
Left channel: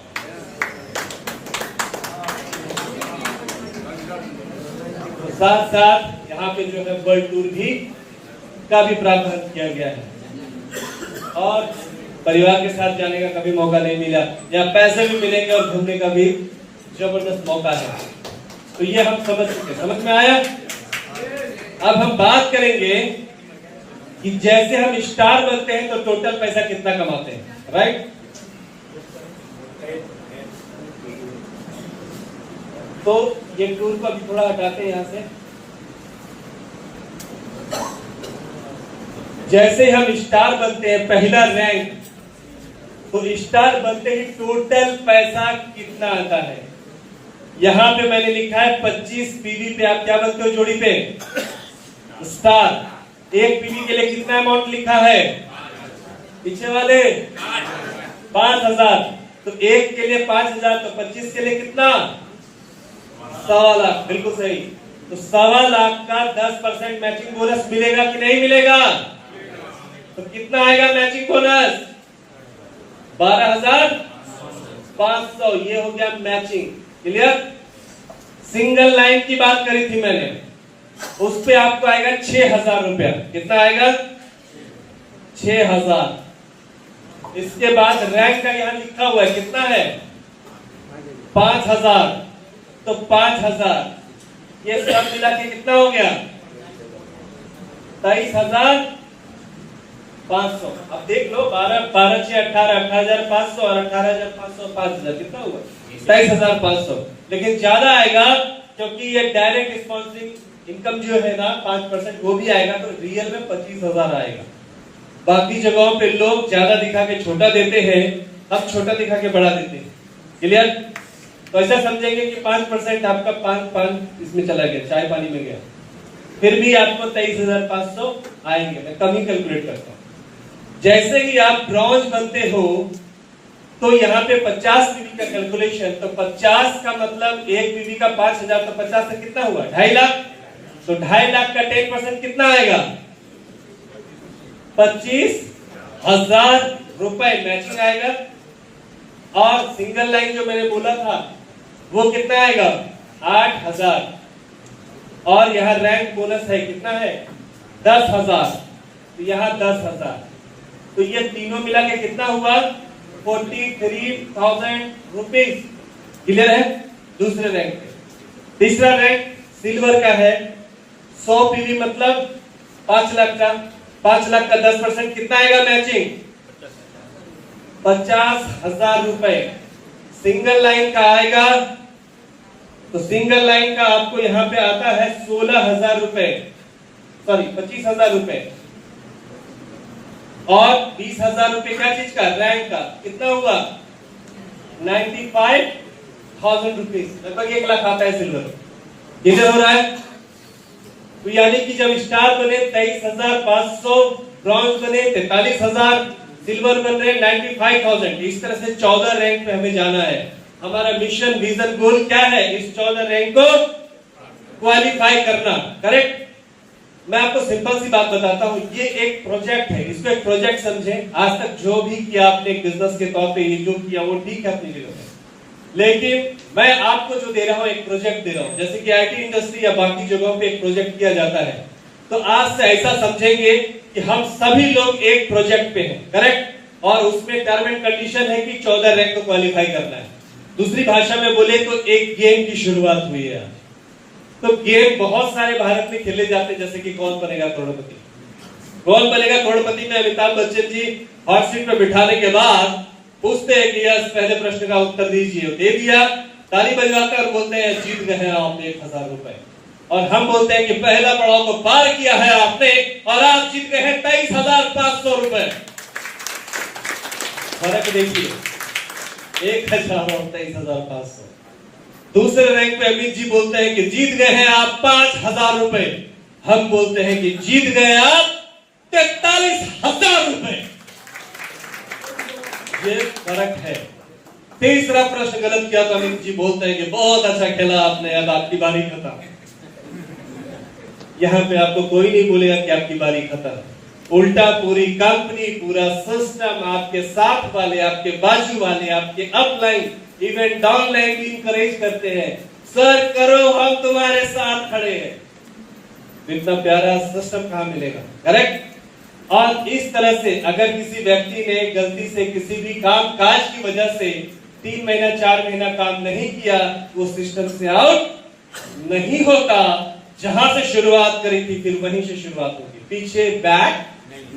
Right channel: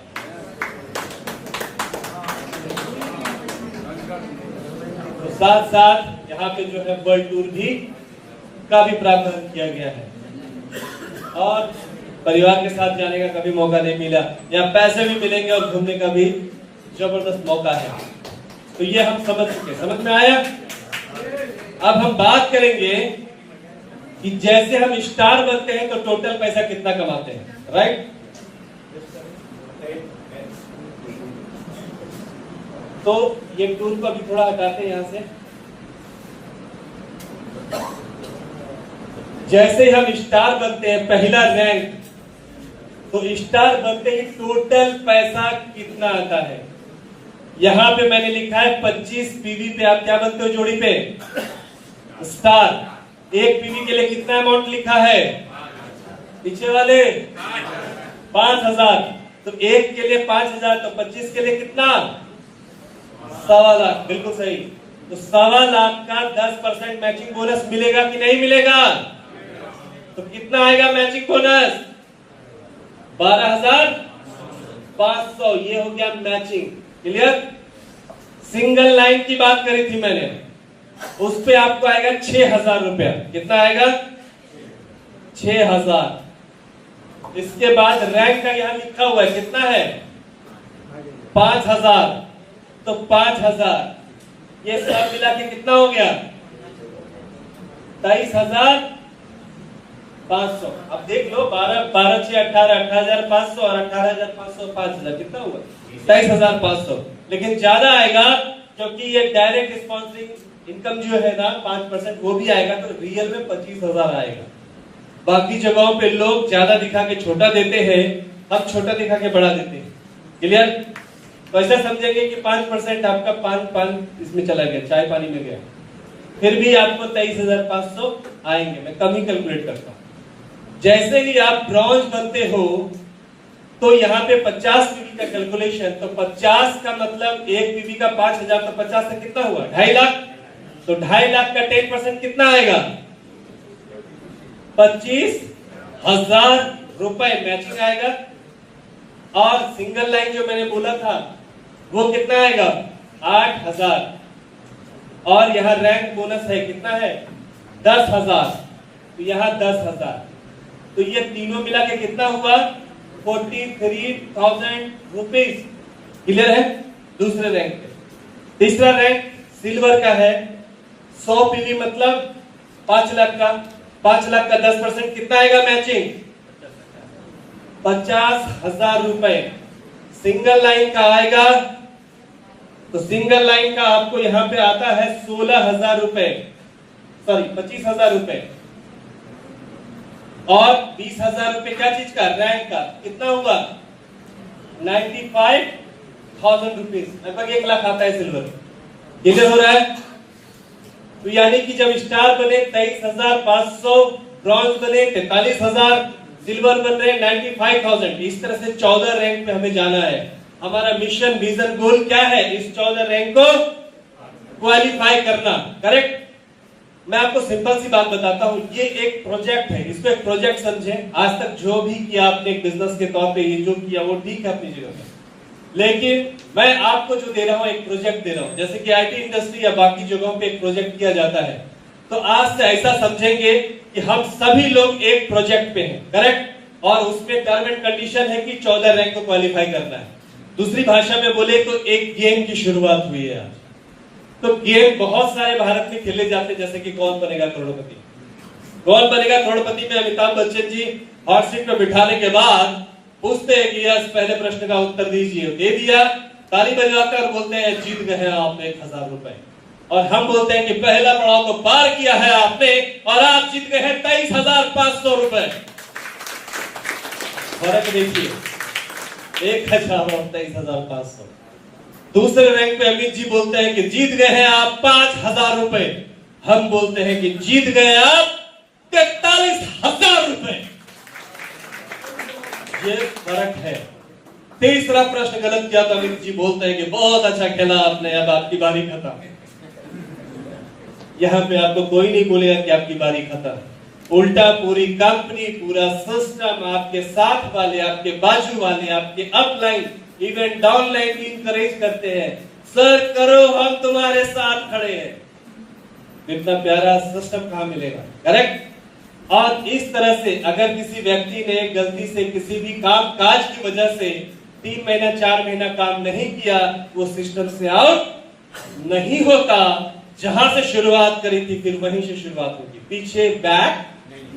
तो साथ साथ यहाँ पे जो है वर्ल्ड टूर भी का भी प्रावधान किया गया है, और परिवार के साथ जाने का कभी मौका नहीं मिला, या पैसे भी मिलेंगे और घूमने का भी जबरदस्त मौका है। तो ये हम समझ चुके, समझ में आया। अब हम बात करेंगे कि जैसे हम स्टार बनते हैं तो टोटल पैसा कितना कमाते हैं, राइट? तो ये टूर को अभी थोड़ा हटाते हैं यहां से। जैसे हम स्टार बनते हैं, पहला रैंक, तो स्टार बनते ही टोटल पैसा कितना आता है? यहां पे मैंने लिखा है 25 पीवी पे आप क्या बनते हो जोड़ी पे? स्टार। एक पीवी के लिए कितना अमाउंट लिखा है पीछे वाले? 5000। तो एक के लिए 5000, तो 25 के लिए कितना? 1.25 लाख। बिल्कुल सही। तो 1.25 लाख का 10% मैचिंग बोनस मिलेगा कि नहीं मिलेगा? तो कितना आएगा मैचिंग बोनस? 12,500। ये हो गया मैचिंग। क्लियर? सिंगल लाइन की बात करी थी मैंने, उस पे आपको आएगा 6,000 रुपया। कितना आएगा? 6,000। इसके बाद रैंक का यहां लिखा हुआ है, कितना है? 5,000। तो 5,000 ये सब मिला के कितना हो गया? 23,500। अब देख लो, 12 6 18, 18,500 और 18,500, 5,000 कितना हुआ? 23,500। लेकिन ज्यादा आएगा क्योंकि ये डायरेक्ट स्पॉन्सरिंग इनकम जो है ना 5%, वो भी आएगा, तो रियल में 25,000 आएगा। बाकी जगहों पे लोग ज्यादा दिखा के छोटा देते हैं, हम छोटा दिखा के बड़ा देते हैं। क्लियर? तो ऐसा समझेंगे कि 5% आपका 5 इसमें चला गया, चाय पानी में गया, फिर भी आपको 23,500 आएंगे। मैं कम ही कैलकुलेट करता हूं। जैसे ही आप ब्रॉन्ज बनते हो तो यहाँ पे 50 पीवी का कैलकुलेशन, तो 50 का मतलब एक पीवी का 5,000, तो 50 से कितना हुआ? 2.5 लाख। तो 2.5 लाख का 10% कितना आएगा? 25,000 रुपए मैचिंग आएगा। और सिंगल लाइन जो मैंने बोला था वो कितना आएगा? 8,000। और यहाँ रैंक बोनस है, कितना है? 10,000। तो यहाँ 10,000। तो ये तीनों मिला के कितना हुआ? 43,000 रुपीज। क्लियर है? दूसरे रैंक पे। तीसरा रैंक सिल्वर का है, 100 पीवी मतलब 5 लाख का। 5 लाख का 10% कितना आएगा मैचिंग? 50,000 रुपए। सिंगल लाइन का आएगा, तो सिंगल लाइन का आपको यहां पे आता है 16,000 रुपए, सॉरी 25,000 रुपए। और 20,000 रुपए क्या चीज का? रैंक का। कितना हुआ? 95,000 रुपीज, लगभग 1 लाख आता है सिल्वर। कितने हो रहा है? तो यानी कि जब स्टार बने 23,500, ब्रॉन्ज बने 43,000, सिल्वर बन रहे 95,000। इस तरह से 14 रैंक पे हमें जाना है। हमारा मिशन, विजन, गोल क्या है? इस 14 रैंक को क्वालिफाई करना। करेक्ट? मैं आपको सिंपल सी बात बताता हूं, ये एक प्रोजेक्ट है, इसको एक प्रोजेक्ट समझें। आज तक जो भी किया आपने एक बिजनेस के तौर पे, ये जो किया वो ठीक है अपनी जगह पे, लेकिन मैं आपको जो दे रहा हूं एक प्रोजेक्ट दे रहा हूं। जैसे कि आईटी इंडस्ट्री या बाकी जगहों पे एक प्रोजेक्ट किया जाता है, तो आज से ऐसा समझेंगे कि हम सभी लोग एक प्रोजेक्ट पे हैं, करेक्ट? और उसमें टर्म एंड कंडीशन है कि 14 रैंक को क्वालिफाई करना है। दूसरी भाषा में बोले तो एक गेम की शुरुआत हुई है आज। तो गेम बहुत सारे भारत में खेले जाते हैं, जैसे कि कौन बनेगा करोड़पति। कौन बनेगा करोड़पति में अमिताभ बच्चन जी हॉट सीट पर बिठाने के बाद पूछते हैं कि यस पहले प्रश्न का उत्तर दीजिए, दे दिया, ताली बजवाकर बोलते हैं जीत गए हैं आपने 1000 रुपए। और हम बोलते हैं कि पहला पड़ाव तो पार किया है आपने और आप जीत गए हैं 23,500 रुपए। फर्क देखिए, 1000 और 23,500। दूसरे रैंक पे अमित जी बोलते हैं कि जीत गए हैं आप 5,000 रुपए, हम बोलते हैं कि जीत गए आप 43,000 रुपए। ये फर्क है। तीसरा प्रश्न गलत किया तो अमित जी बोलते हैं कि बहुत अच्छा खेला आपने, अब आपकी बारी खत्म। यहां पे आपको कोई नहीं बोलेगा कि आपकी बारी खत्म, उल्टा पूरी कंपनी, पूरा सिस्टम, आपके साथ वाले, आपके बाजू वाले, आपके अपलाइन, इवन डाउनलाइन भी इंकरेज करते हैं, सर करो हम तुम्हारे साथ खड़े हैं। इतना प्यारा सिस्टम कहां मिलेगा, करेक्ट? और इस तरह से अगर किसी व्यक्ति ने गलती से किसी भी काम काज की वजह से 3 महीना 4 महीना काम नहीं किया, वो सिस्टम से आउट नहीं होता। जहां से शुरुआत करी थी फिर वहीं से शुरुआत होगी, पीछे बैक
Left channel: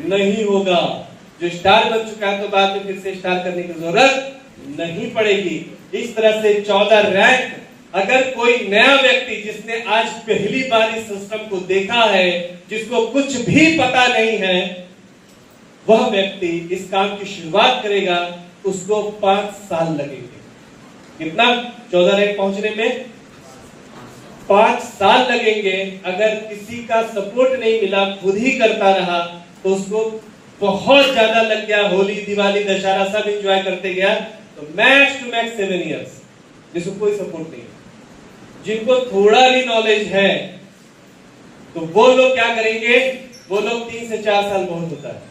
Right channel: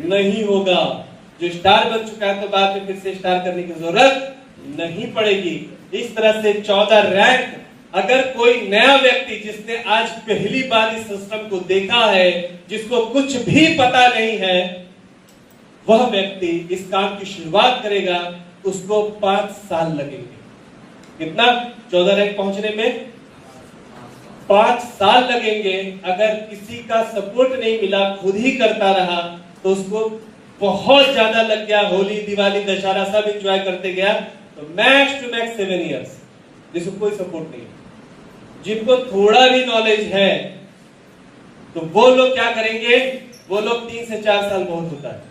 नहीं होगा। जो स्टार बन चुका है तो बाद में फिर से स्टार करने की जरूरत नहीं पड़ेगी। इस तरह से 14 रैंक, अगर कोई नया व्यक्ति जिसने आज पहली बार इस सिस्टम को देखा है, जिसको कुछ भी पता नहीं है, वह व्यक्ति इस काम की शुरुआत करेगा, उसको 5 साल लगेंगे। कितना? 14 रैंक पहुंचने में 5 साल लगेंगे। अगर किसी का सपोर्ट नहीं मिला, खुद ही करता रहा, तो उसको बहुत ज्यादा लग गया, होली दिवाली दशहरा सब एंजॉय करते गया, तो मैक्स टू मैक्स 7 इयर्स, जिसको कोई सपोर्ट नहीं है। जिनको थोड़ा भी नॉलेज है तो वो लोग क्या करेंगे, वो लोग 3 से 4 साल बहुत होता है।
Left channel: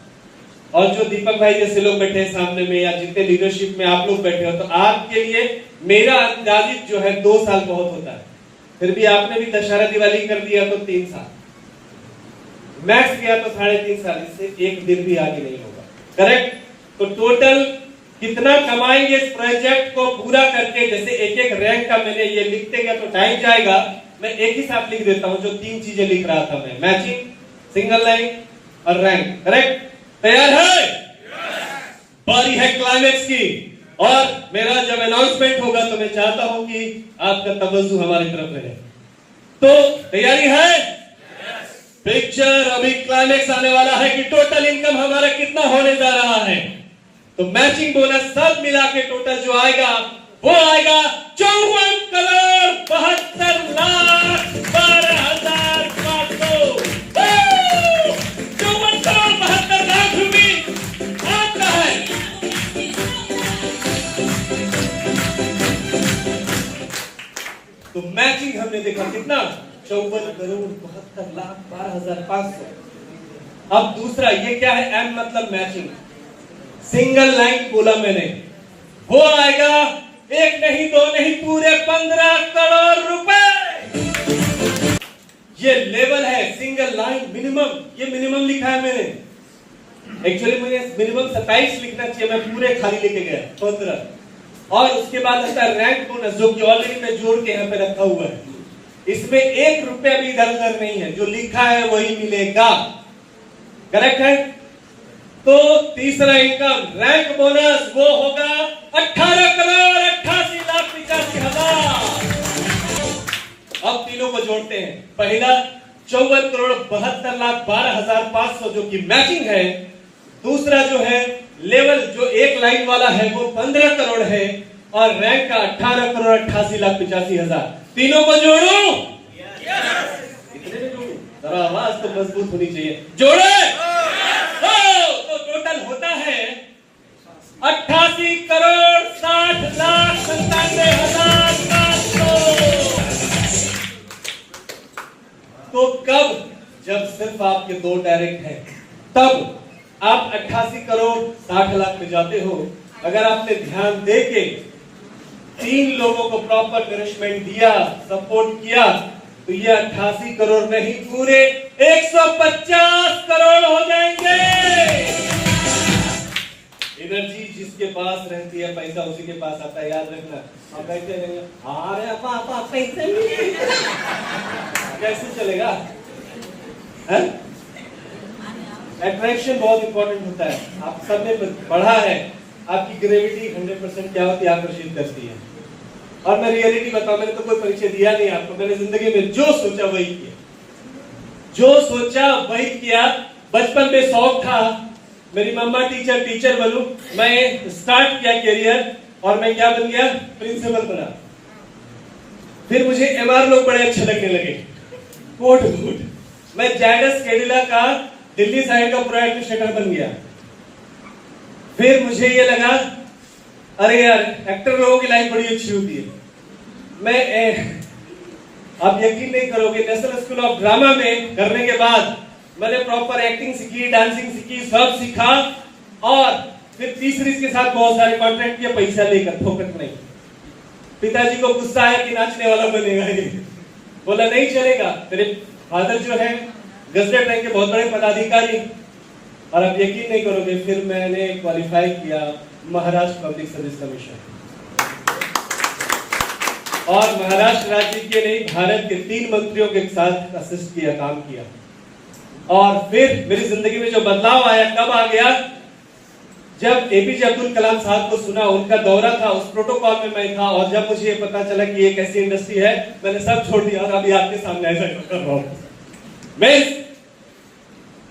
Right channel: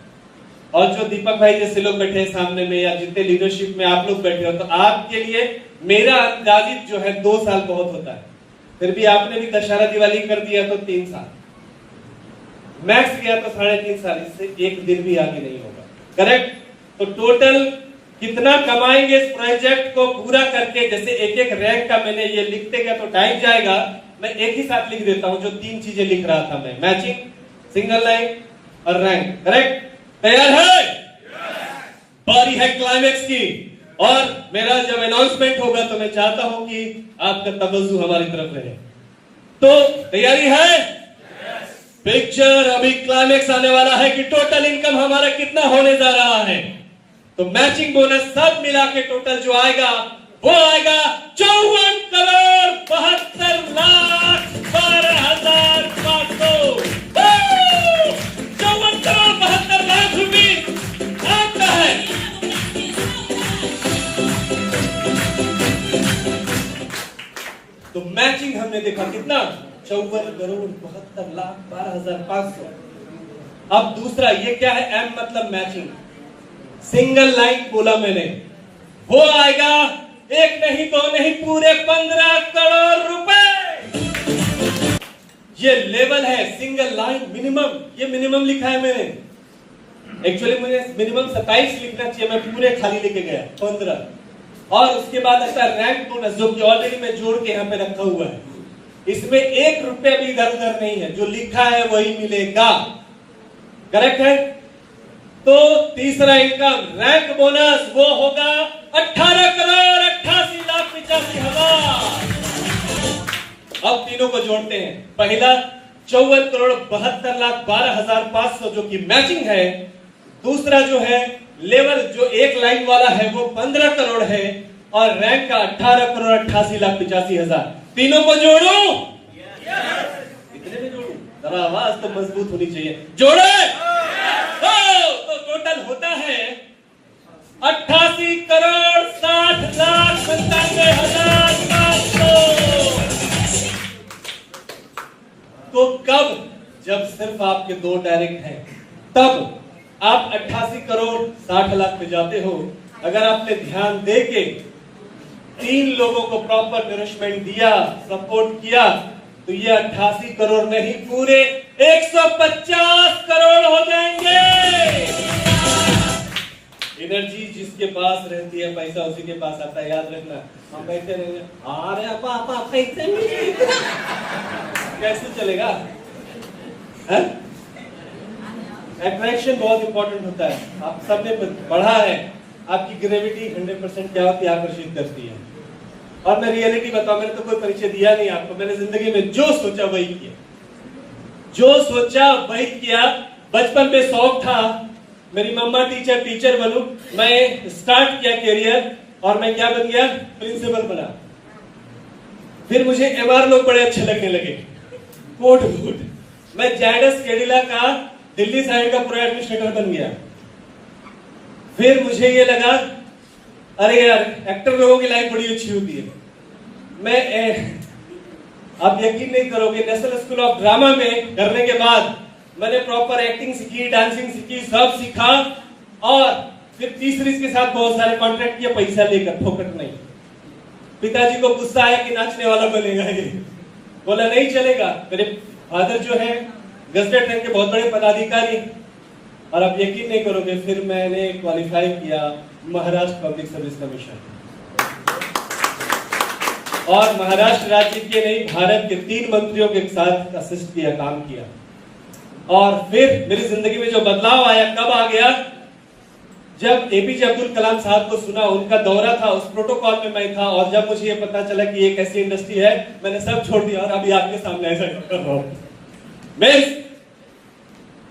और जो दीपक भाई जैसे लोग बैठे हैं सामने में, या जितने लीडरशिप में आप लोग बैठे हो, तो आपके लिए मेरा अंदाजित जो है 2 साल बहुत होता है। फिर भी आपने भी दशहरा दिवाली कर दिया तो 3 साल, मैक्स किया तो 3.5 साल, इससे एक दिन भी आगे नहीं होगा, करेक्ट? तो टोटल कितना कमाएंगे इस प्रोजेक्ट को पूरा करके? जैसे एक एक रैंक का मैंने ये लिखते गया तो टाइम जाएगा, मैं एक ही साथ लिख देता हूं जो 3 चीजें लिख रहा था मैं, मैचिंग, सिंगल लाइन और रैंक, करेक्ट? तैयार है? बारी है क्लाइमेक्स की, और मेरा जब अनाउंसमेंट होगा तो मैं चाहता हूं कि आपका तवज्जो हमारी तरफ रहे। तो तैयारी है? पिक्चर अभी क्लाइमेक्स आने वाला है कि टोटल इनकम हमारा कितना होने जा रहा है। तो मैचिंग बोनस सब मिला के टोटल जो आएगा वो आएगा 54,72,12,500। 54,72 लाख रुपए आपका है। तो मैचिंग हमने देखा कितना, 54,72,12,500। अब दूसरा ये क्या है, एम मतलब मैचिंग, सिंगल लाइन बोला मैंने, वो आएगा एक नहीं दो नहीं पूरे 15 करोड़ रुपए। ये लेवल है सिंगल लाइन मिनिमम, ये मिनिमम लिखा है मैंने, एक्चुअली मुझे मिनिमम 27 लिखना चाहिए, मैं पूरे खाली लेके गया 15। और उसके बाद आता है रैंक बोनस, जो कि ऑलरेडी मैं जोड़ के यहाँ पे रखा हुआ है, इसमें 1 रुपया भी इधर उधर नहीं है, जो लिखा है वही मिलेगा, करेक्ट है? तो तीसरा इनकम रैंक बोनस वो होगा 18,88,85,000। अब तीनों को जोड़ते हैं, पहला 54,72,12,500 जो कि मैचिंग है, दूसरा जो है लेवल जो एक लाइन वाला है वो 15 करोड़ है, और रैंक का 18,88,85,000। तीनों को जोड़ू? कितने में जोड़ू? जरा आवाज तो मजबूत होनी चाहिए, जोड़े? तो टोटल होता है 88,60,97,500। तो कब? जब सिर्फ सिर्फ आपके 2 डायरेक्ट हैं, तब आप 88 करोड़ 60 लाख पे जाते हो। अगर आपने ध्यान दे के 3 लोगों को प्रॉपर नरिशमेंट दिया, सपोर्ट किया, तो ये 88 करोड़ नहीं पूरे 150 करोड़ हो जाएंगे। एनर्जी जिसके पास रहती है, पैसा उसी के पास आता है, याद रखना। हम बैठे रहेंगे, अरे पापा पैसे नहीं, कैसे चलेगा? अट्रैक्शन बहुत इंपॉर्टेंट होता है। आप सबने पढ़ा है, आपकी ग्रेविटी 100% क्या होती है? आकर्षित करती है। और मैं रियलिटी बताऊं, मैंने तो कोई परिचय दिया नहीं आपको, मैंने जिंदगी में जो सोचा वही किया, जो सोचा वही किया। बचपन में शौक था मेरी मम्मा टीचर बनूं, मैं स्टार्ट किया करियर और मैं क्या बन गया? प्रिंसिपल बना। फिर मुझे एमआर लोग बड़े अच्छे लगने लगे, कोट मैं जायडस कैडिला का दिल्ली साइड का प्रो एडमिनिस्ट्रेटर बन गया। फिर मुझे ये लगा, अरे यार एक्टर लोगों की लाइफ बड़ी अच्छी होती है। आप यकीन नहीं करोगे, नेशनल स्कूल ऑफ ड्रामा में करने के बाद मैंने प्रॉपर एक्टिंग सीखी, डांसिंग सीखी, सब सीखा। और फिर तीसरी के साथ बहुत सारे कॉन्ट्रैक्ट किए, पैसा लेकर, फोकट नहीं। पिताजी को गुस्सा आया कि नाचने वाला बनेगा ये, बोला नहीं चलेगा। मेरे फादर जो है गजटेड रैंक के बहुत बड़े पदाधिकारी, और आप यकीन नहीं करोगे, फिर मैंने क्वालिफाई किया महाराष्ट्र पब्लिक सर्विस कमीशन, और महाराष्ट्र राज्य के नहीं भारत के 3 मंत्रियों के साथ असिस्ट किया, काम किया। और फिर मेरी जिंदगी में जो बदलाव आया कब आ गया? जब एपीजे अब्दुल कलाम साहब को सुना, उनका दौरा था, उस प्रोटोकॉल में मैं था, और जब मुझे ये पता चला कि एक ऐसी इंडस्ट्री है, मैंने सब छोड़ दिया और अभी आपके सामने ऐसा कर रहा हूं। मैं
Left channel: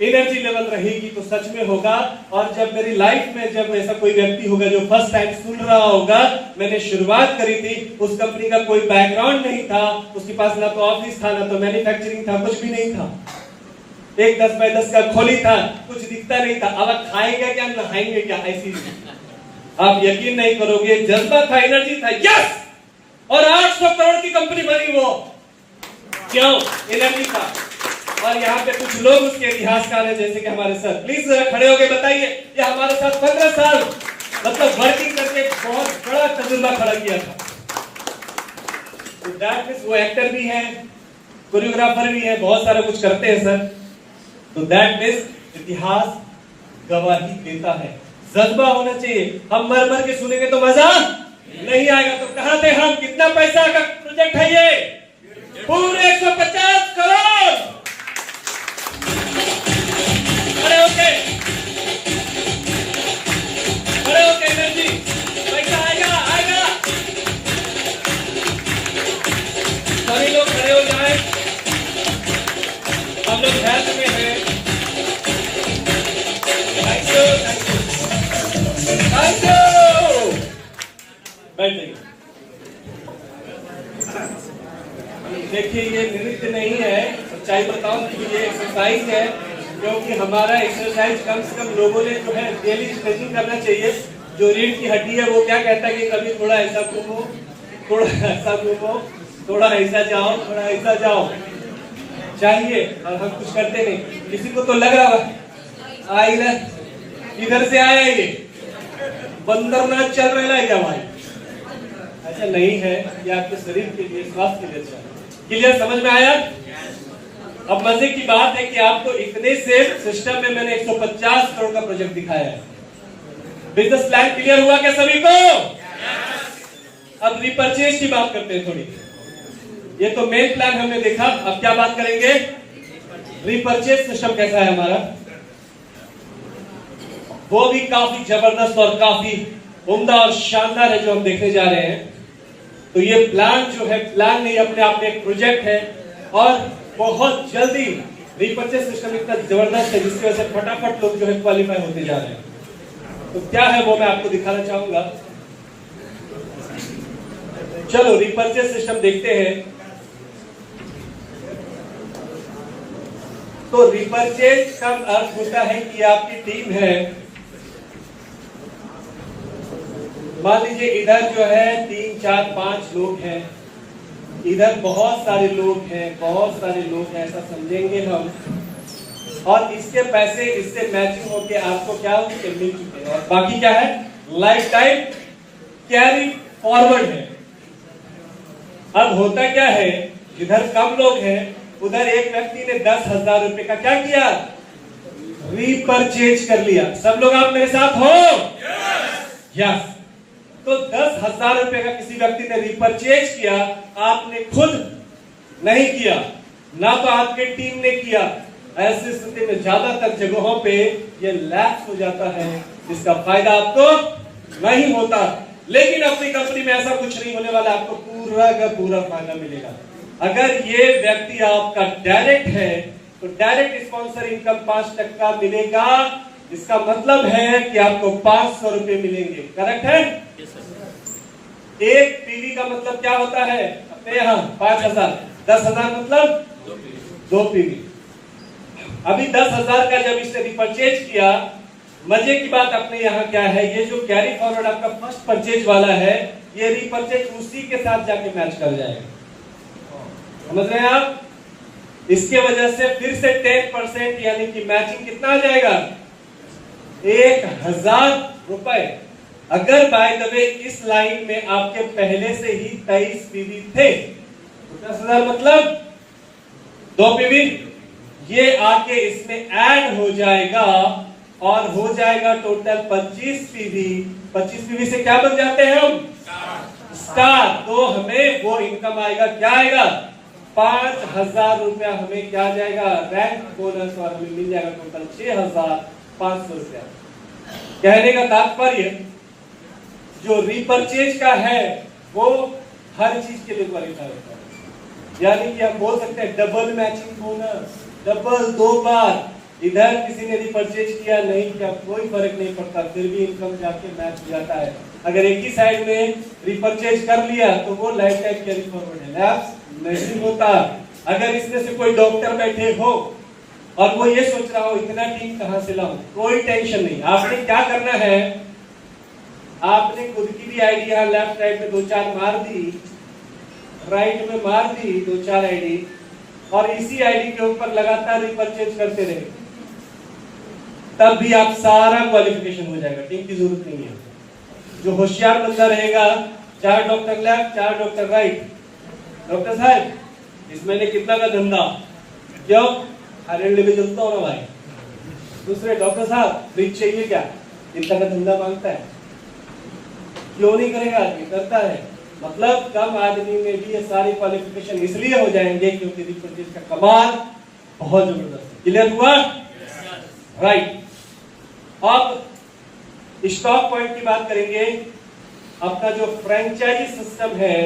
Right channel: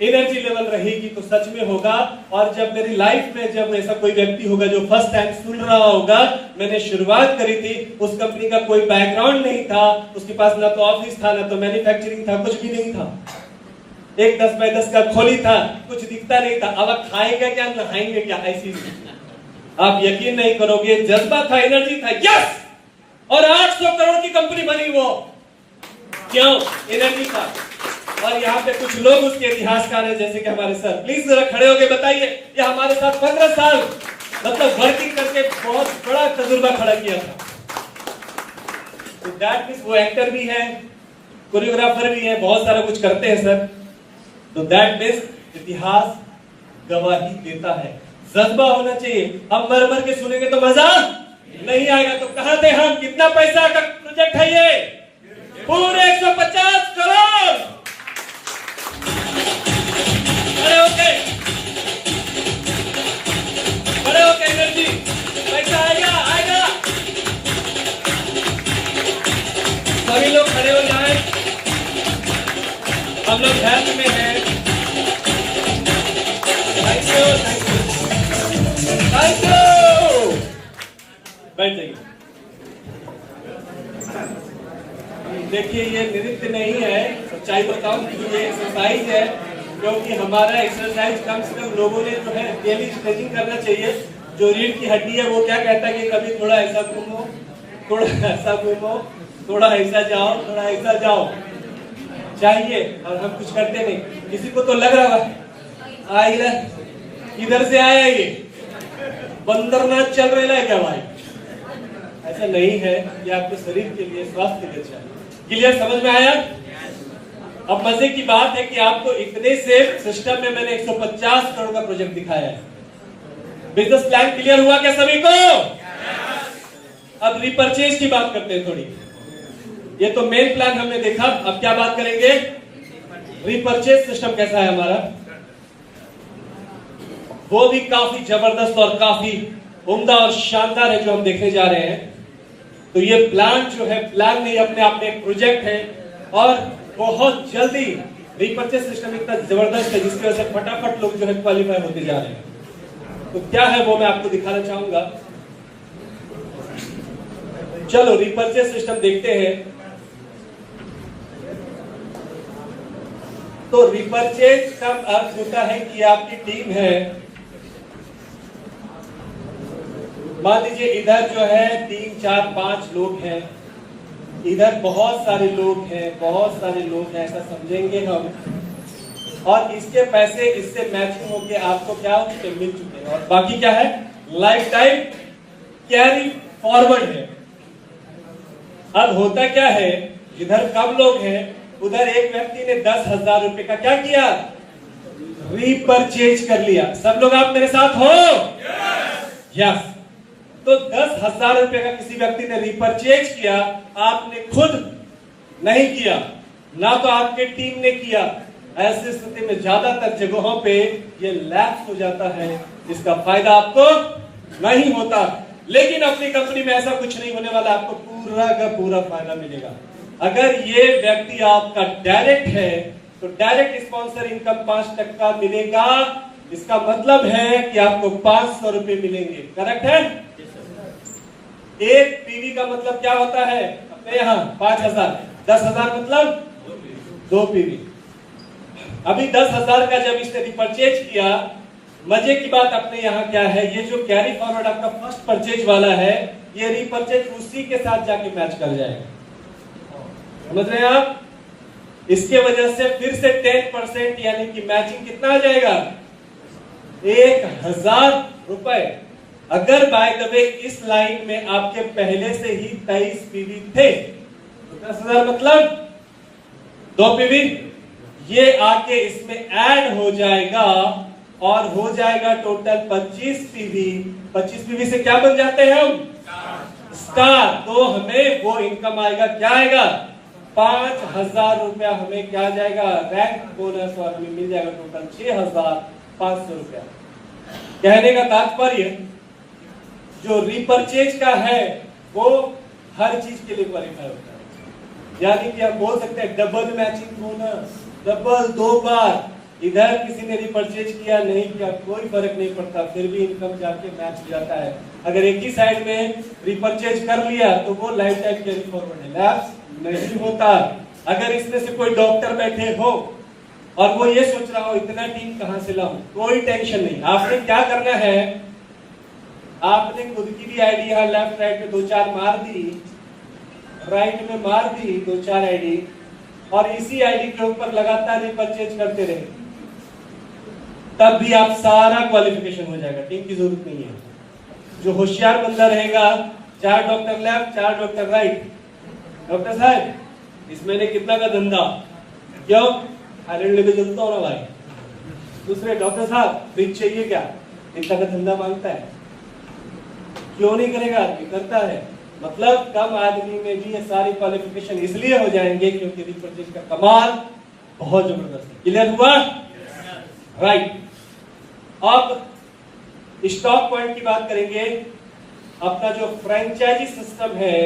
एनर्जी लेवल रहेगी तो सच में होगा। और जब मेरी लाइफ में जब ऐसा कोई व्यक्ति होगा जो फर्स्ट टाइम सुन रहा होगा, मैंने शुरुआत करी थी, उस कंपनी का कोई बैकग्राउंड नहीं था, उसके पास ना तो ऑफिस था, ना तो मैन्युफैक्चरिंग था, कुछ भी नहीं था। एक 10 बाय 10 का खोली था, कुछ दिखता नहीं था। अब खाएंगे क्या, नहाएंगे क्या, ऐसी आप यकीन नहीं करोगे, जज्बा था, एनर्जी था, यस। और 800 करोड़ की कंपनी बनी वो, क्यों? एनर्जी था। और यहाँ पे कुछ लोग उसके इतिहासकार हैं, जैसे कि हमारे सर, प्लीज जरा खड़े होके बताइए। ये हमारे साथ 15 साल मतलब वर्किंग करके बहुत बड़ा तजुर्बा खड़ा किया था। तो दैट मींस वो एक्टर भी है, कोरियोग्राफर भी है, बहुत सारा कुछ करते हैं सर। तो दैट मींस इतिहास गवाही देता है, जज्बा होना चाहिए। हम मर मर के सुनेंगे तो मजा नहीं आएगा। तो कहां थे हम? कितना पैसा का प्रोजेक्ट है ये? पूरे 150 करोड़। खड़े होके एनर्जी, पैसा आएगा, आएगा। सभी लोग खड़े हो जाए, हम लोग हेल्थ में हैं। Thank you. बैठ जाइए। देखिए ये नृत्य नहीं है, सच्चाई बताऊं कि ये एक्सरसाइज है, क्योंकि हमारा एक्सरसाइज कम से कम लोगों ने जो है डेली स्ट्रेचिंग करना चाहिए। जो रीढ़ की हड्डी है वो क्या कहता है कि कभी थोड़ा ऐसा घूमो, थोड़ा ऐसा घूमो, थोड़ा ऐसा जाओ, थोड़ा ऐसा जाओ चाहिए, और हम कुछ करते नहीं। किसी को तो लग रहा है आई इधर से आया ये बंदरनाथ चल रहा है क्या भाई? ऐसा नहीं है, ये आपके शरीर के लिए, स्वास्थ्य के लिए चाहिए। क्लियर, समझ में आया? अब मजे की बात है कि आपको इतने सेफ सिस्टम में मैंने 150 करोड़ का प्रोजेक्ट दिखाया है। बिजनेस प्लान क्लियर हुआ क्या सभी को? अब रिपर्चेज की बात करते हैं थोड़ी। ये तो मेन प्लान हमने देखा, अब क्या बात करेंगे? रिपर्चेज सिस्टम कैसा है हमारा, वो भी काफी जबरदस्त और काफी उम्दा और शानदार है जो हम देखने जा रहे हैं। तो ये प्लान जो है, प्लान नहीं अपने आप में एक प्रोजेक्ट है, और बहुत जल्दी रिपर्चेज सिस्टम इतना जबरदस्त है जिसकी वजह से फटाफट लोग जो है क्वालिफाई होते जा रहे हैं। तो क्या है वो मैं आपको दिखाना चाहूंगा। चलो रिपर्चेज सिस्टम देखते हैं। तो रिपर्चेज का अर्थ होता है कि आपकी टीम है, मान लीजिए इधर जो है 3, 4, 5 लोग हैं, इधर बहुत सारे लोग हैं, बहुत सारे लोग हैं, ऐसा समझेंगे हम। और इसके पैसे इससे मैचिंग होके आपको क्या हो चुके, मिल चुके हैं। और बाकी क्या है, लाइफ टाइम कैरी फॉरवर्ड है। अब होता क्या है, जिधर कम लोग हैं उधर एक व्यक्ति ने 10,000 रुपए का क्या किया, रीपरचेज कर लिया। सब लोग आप मेरे साथ हो? यस। तो 10,000 रुपए का किसी व्यक्ति ने रिपर्चेज किया, आपने खुद नहीं किया, ना तो आपके टीम ने किया। ऐसी स्थिति में ज्यादातर जगहों पे ये लैप्स हो जाता है, जिसका फायदा आपको नहीं होता। लेकिन अपनी कंपनी में ऐसा कुछ नहीं होने वाला, आपको पूरा का पूरा फायदा मिलेगा। अगर ये व्यक्ति आपका डायरेक्ट है तो डायरेक्ट स्पॉन्सर इनकम 5% मिलेगा। इसका मतलब है कि आपको 500 रुपए मिलेंगे। करेक्ट है? एक पीवी का मतलब क्या होता है अपने यहाँ 5,000, 10,000 मतलब 2 पीवी। अभी 10,000 का जब इसने रिपर्चेज किया, मजे की बात अपने यहाँ क्या है, ये जो कैरी फॉरवर्ड आपका फर्स्ट परचेज वाला है, ये रिपर्चेज उसी के साथ जाके मैच कर जाएगा। समझ रहे हैं आप? इसके वजह से फिर से 10% यानी कि मैचिंग कितना आ जाएगा, 1,000 रुपए। अगर बाय द वे इस लाइन में आपके पहले से ही 23 पीवी थे तो 10,000 मतलब 2 पीवी, ये आके इसमें ऐड हो जाएगा और हो जाएगा टोटल 25 पीवी। 25 पीवी से क्या बन जाते हैं हम, स्टार। तो हमें वो इनकम आएगा, क्या आएगा, 5,000 रुपया हमें क्या जाएगा, रैंक बोनस, और हमें मिल जाएगा टोटल 6,500 रुपया। कहने का तात्पर्य जो रिपर्चेज का है वो हर चीज के लिए क्वालिफाई होता है। यानी कि हम बोल सकते हैं डबल मैचिंग बोनस, डबल 2 बार। इधर किसी ने रिपर्चेज किया, नहीं किया, कोई फर्क नहीं पड़ता, फिर भी इनकम जाके मैच हो जाता है। अगर एक ही साइड में रिपर्चेज कर लिया तो वो लाइफ टाइम कैरी फॉरवर्ड है, लैप्स नहीं होता। अगर इसमें से कोई डॉक्टर बैठे हो और वो ये सोच रहा हो इतना टीम कहां से लाऊं, कोई टेंशन नहीं। आपने क्या करना है, आपने खुद की भी आईडी यहाँ लेफ्ट राइट में 2-4 मार दी, राइट में मार दी 2-4 आईडी, और इसी आईडी के ऊपर लगातार रिपर्चेज करते रहे, तब भी आप सारा क्वालिफिकेशन हो जाएगा। टीम की जरूरत नहीं है। जो होशियार बंदा रहेगा, 4 doctor left 4 doctor right, doctor साहब इस महीने कितना का धंधा, क्यों थाईलैंड लेके चलता हो ना भाई। दूसरे डॉक्टर साहब फ्रिज चाहिए क्या, इतना का धंधा मांगता है, क्यों नहीं करेगा आदमी, करता है। मतलब कम आदमी में भी ये सारी क्वालिफिकेशन इसलिए हो जाएंगे क्योंकि रिपर्चेज का कमाल बहुत जबरदस्त है। क्लियर हुआ? राइट। अब स्टॉक पॉइंट की बात करेंगे। अपना जो फ्रेंचाइजी सिस्टम है,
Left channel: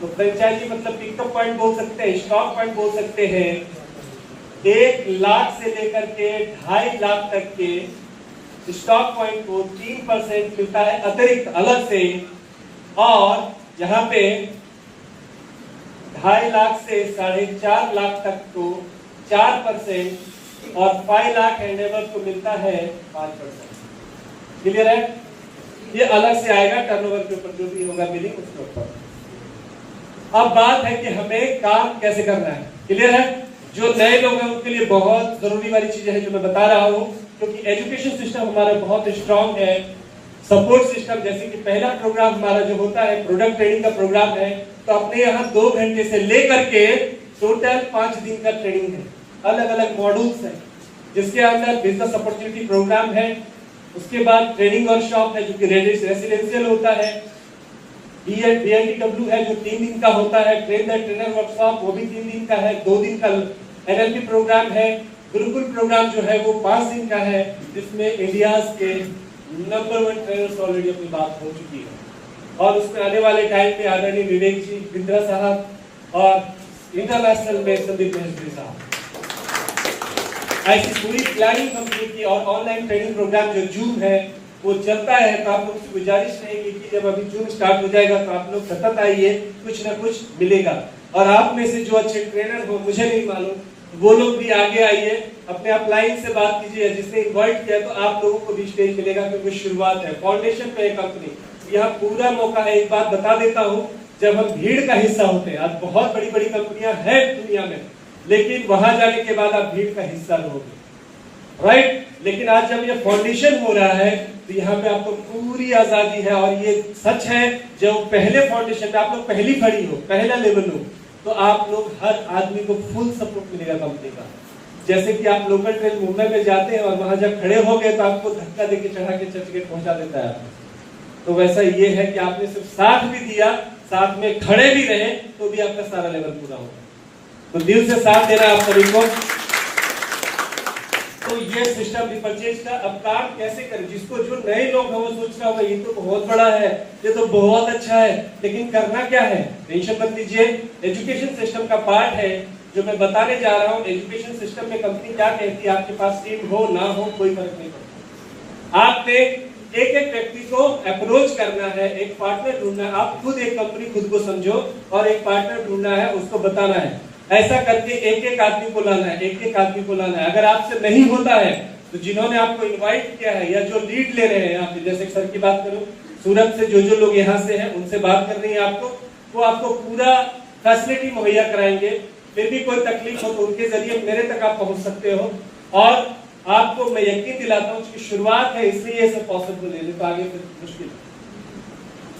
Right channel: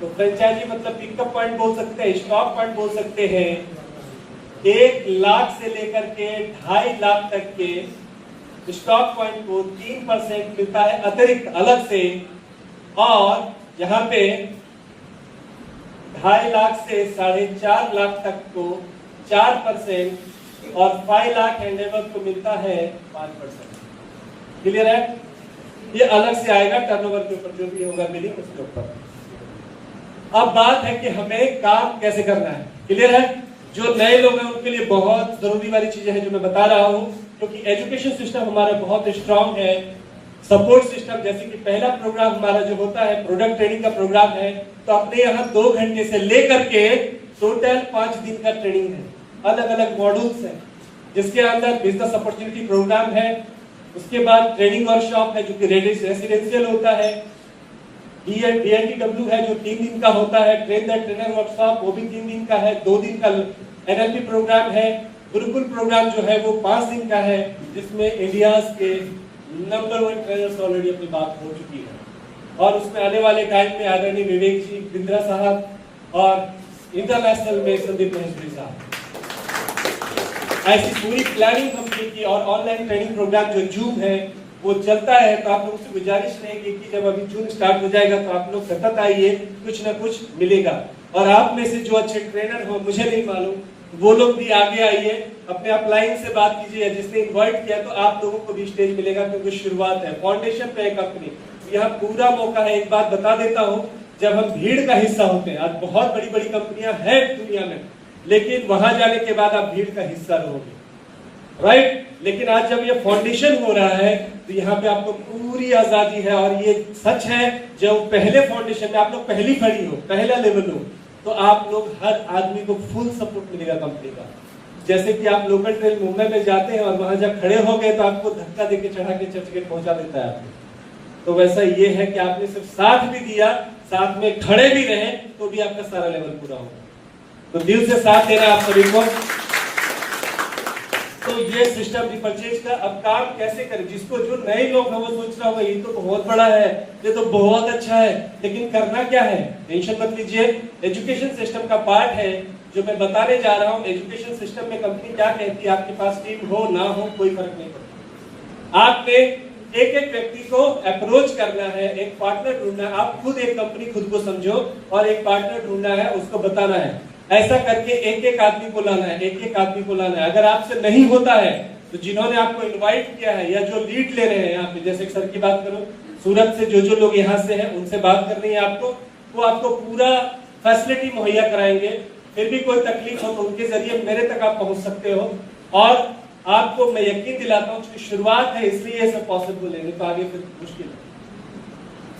तो फ्रेंचाइजी मतलब पिकअप पॉइंट बोल सकते हैं, स्टॉक पॉइंट बोल सकते हैं। 1 लाख से लेकर के 2.5 लाख तक के स्टॉक पॉइंट को 3% मिलता है अतिरिक्त अलग से, और यहाँ पे 2.5 लाख से 4.5 लाख तक को 4% और 5 लाख एंड एबव को मिलता है 5%। क्लियर है? ये अलग से आएगा टर्नओवर के ऊपर, जो भी होगा बिलिंग उसके ऊपर। अब बात है कि हमें काम कैसे करना है। क्लियर है? जो नए लोग हैं उनके लिए बहुत जरूरी वाली चीजें हैं जो मैं बता रहा हूँ, क्योंकि एजुकेशन सिस्टम हमारा बहुत स्ट्रांग है। सपोर्ट सिस्टम, जैसे कि पहला प्रोग्राम हमारा जो होता है प्रोडक्ट ट्रेनिंग का प्रोग्राम है, तो अपने यहाँ 2 घंटे से लेकर के टोटल 5 दिन का ट्रेनिंग है। अलग अलग मॉड्यूल्स हैं, जिसके अंदर बिजनेस अपॉर्चुनिटी प्रोग्राम है, उसके बाद ट्रेनिंग वर्कशॉप है जो कि रेसिडेंशियल होता है, BNTW है जो 3 दिन का होता है, ट्रेन द ट्रेनर वर्कशॉप वो भी 3 दिन का है, 2 दिन का NLP प्रोग्राम है, गुरुकुल प्रोग्राम जो है वो 5 दिन का है, जिसमें इंडिया के नंबर 1 ट्रेनर्स ऑलरेडी अपनी बात हो चुकी है। और उसमें आने वाले टाइम में आदरणीय विवेक जी, बिंद्रा साहब और इंटरनेशनल में संदीप महर्षि साहब, ऐसी पूरी प्लानिंग कंपनी की और ऑनलाइन ट्रेनिंग प्रोग्राम जो जूम है वो चलता है। तो आप लोग से गुजारिश रहेगी कि जब अभी जूम स्टार्ट हो जाएगा तो आप लोग सतत आइए, कुछ ना कुछ मिलेगा। और आप में से जो अच्छे ट्रेनर हो, मुझे नहीं मालूम, वो लोग भी आगे आइए, अपने अपलाइन से बात कीजिए। जिसने इन्वाइट किया तो आप लोगों को भी स्टेज मिलेगा, क्योंकि शुरुआत है, फाउंडेशन पे है कंपनी, यह पूरा मौका है। एक बात बता देता हूँ, जब हम भीड़ का हिस्सा होते हैं, आज बहुत बड़ी बड़ी कंपनियां हैं दुनिया में, लेकिन वहां जाने के बाद आप भीड़ का हिस्सा रहोगे, राइट। लेकिन आज जब ये फाउंडेशन हो रहा है तो यहाँ पे आपको पूरी आजादी है। और ये सच है, जब पहले फाउंडेशन में आप लोग पहली खड़ी हो, पहला लेवल हो, तो आप लोग हर आदमी को फुल सपोर्ट मिलेगा कंपनी का। जैसे कि आप लोकल ट्रेन मुंबई में जाते हैं और वहां जब खड़े हो गए तो आपको धक्का देके चढ़ा के चर्चगेट पहुंचा देता है आपको, तो वैसा ये है कि आपने सिर्फ साथ भी दिया, साथ में खड़े भी रहे, तो भी आपका सारा लेवल पूरा होगा। तो दिल से साथ देना आप सभी को। तो ये सिस्टम रिपर्चेज का अब काम कैसे करें, जिसको जो नए लोग हैं वो सोच रहा होगा ये तो बहुत बड़ा है, ये तो बहुत अच्छा है, लेकिन करना क्या है, टेंशन मत लीजिए। एजुकेशन सिस्टम का पार्ट है जो मैं बताने जा रहा हूँ। एजुकेशन सिस्टम में कंपनी क्या कहती है, आपके पास टीम हो ना हो कोई फर्क नहीं पड़ता। आपने एक एक व्यक्ति को अप्रोच करना है, एक पार्टनर ढूंढना है। आप खुद एक कंपनी खुद को समझो और एक पार्टनर ढूंढना है, उसको बताना है। ऐसा करके एक एक आदमी को लाना है, एक एक आदमी को लाना है। अगर आपसे नहीं होता है तो जिन्होंने आपको इनवाइट किया है या जो लीड ले रहे हैं यहाँ पे, जैसे सर की बात करो, सूरत से जो लोग यहाँ से हैं उनसे बात करनी है आपको, वो आपको पूरा फैसिलिटी मुहैया कराएंगे। फिर भी कोई तकलीफ हो तो उनके जरिए मेरे तक आप पहुंच सकते हो। और आपको मैं यकीन दिलाता हूँ कि शुरुआत है इसलिए ये सब पॉसिबल है, तो आगे फिर मुश्किल है।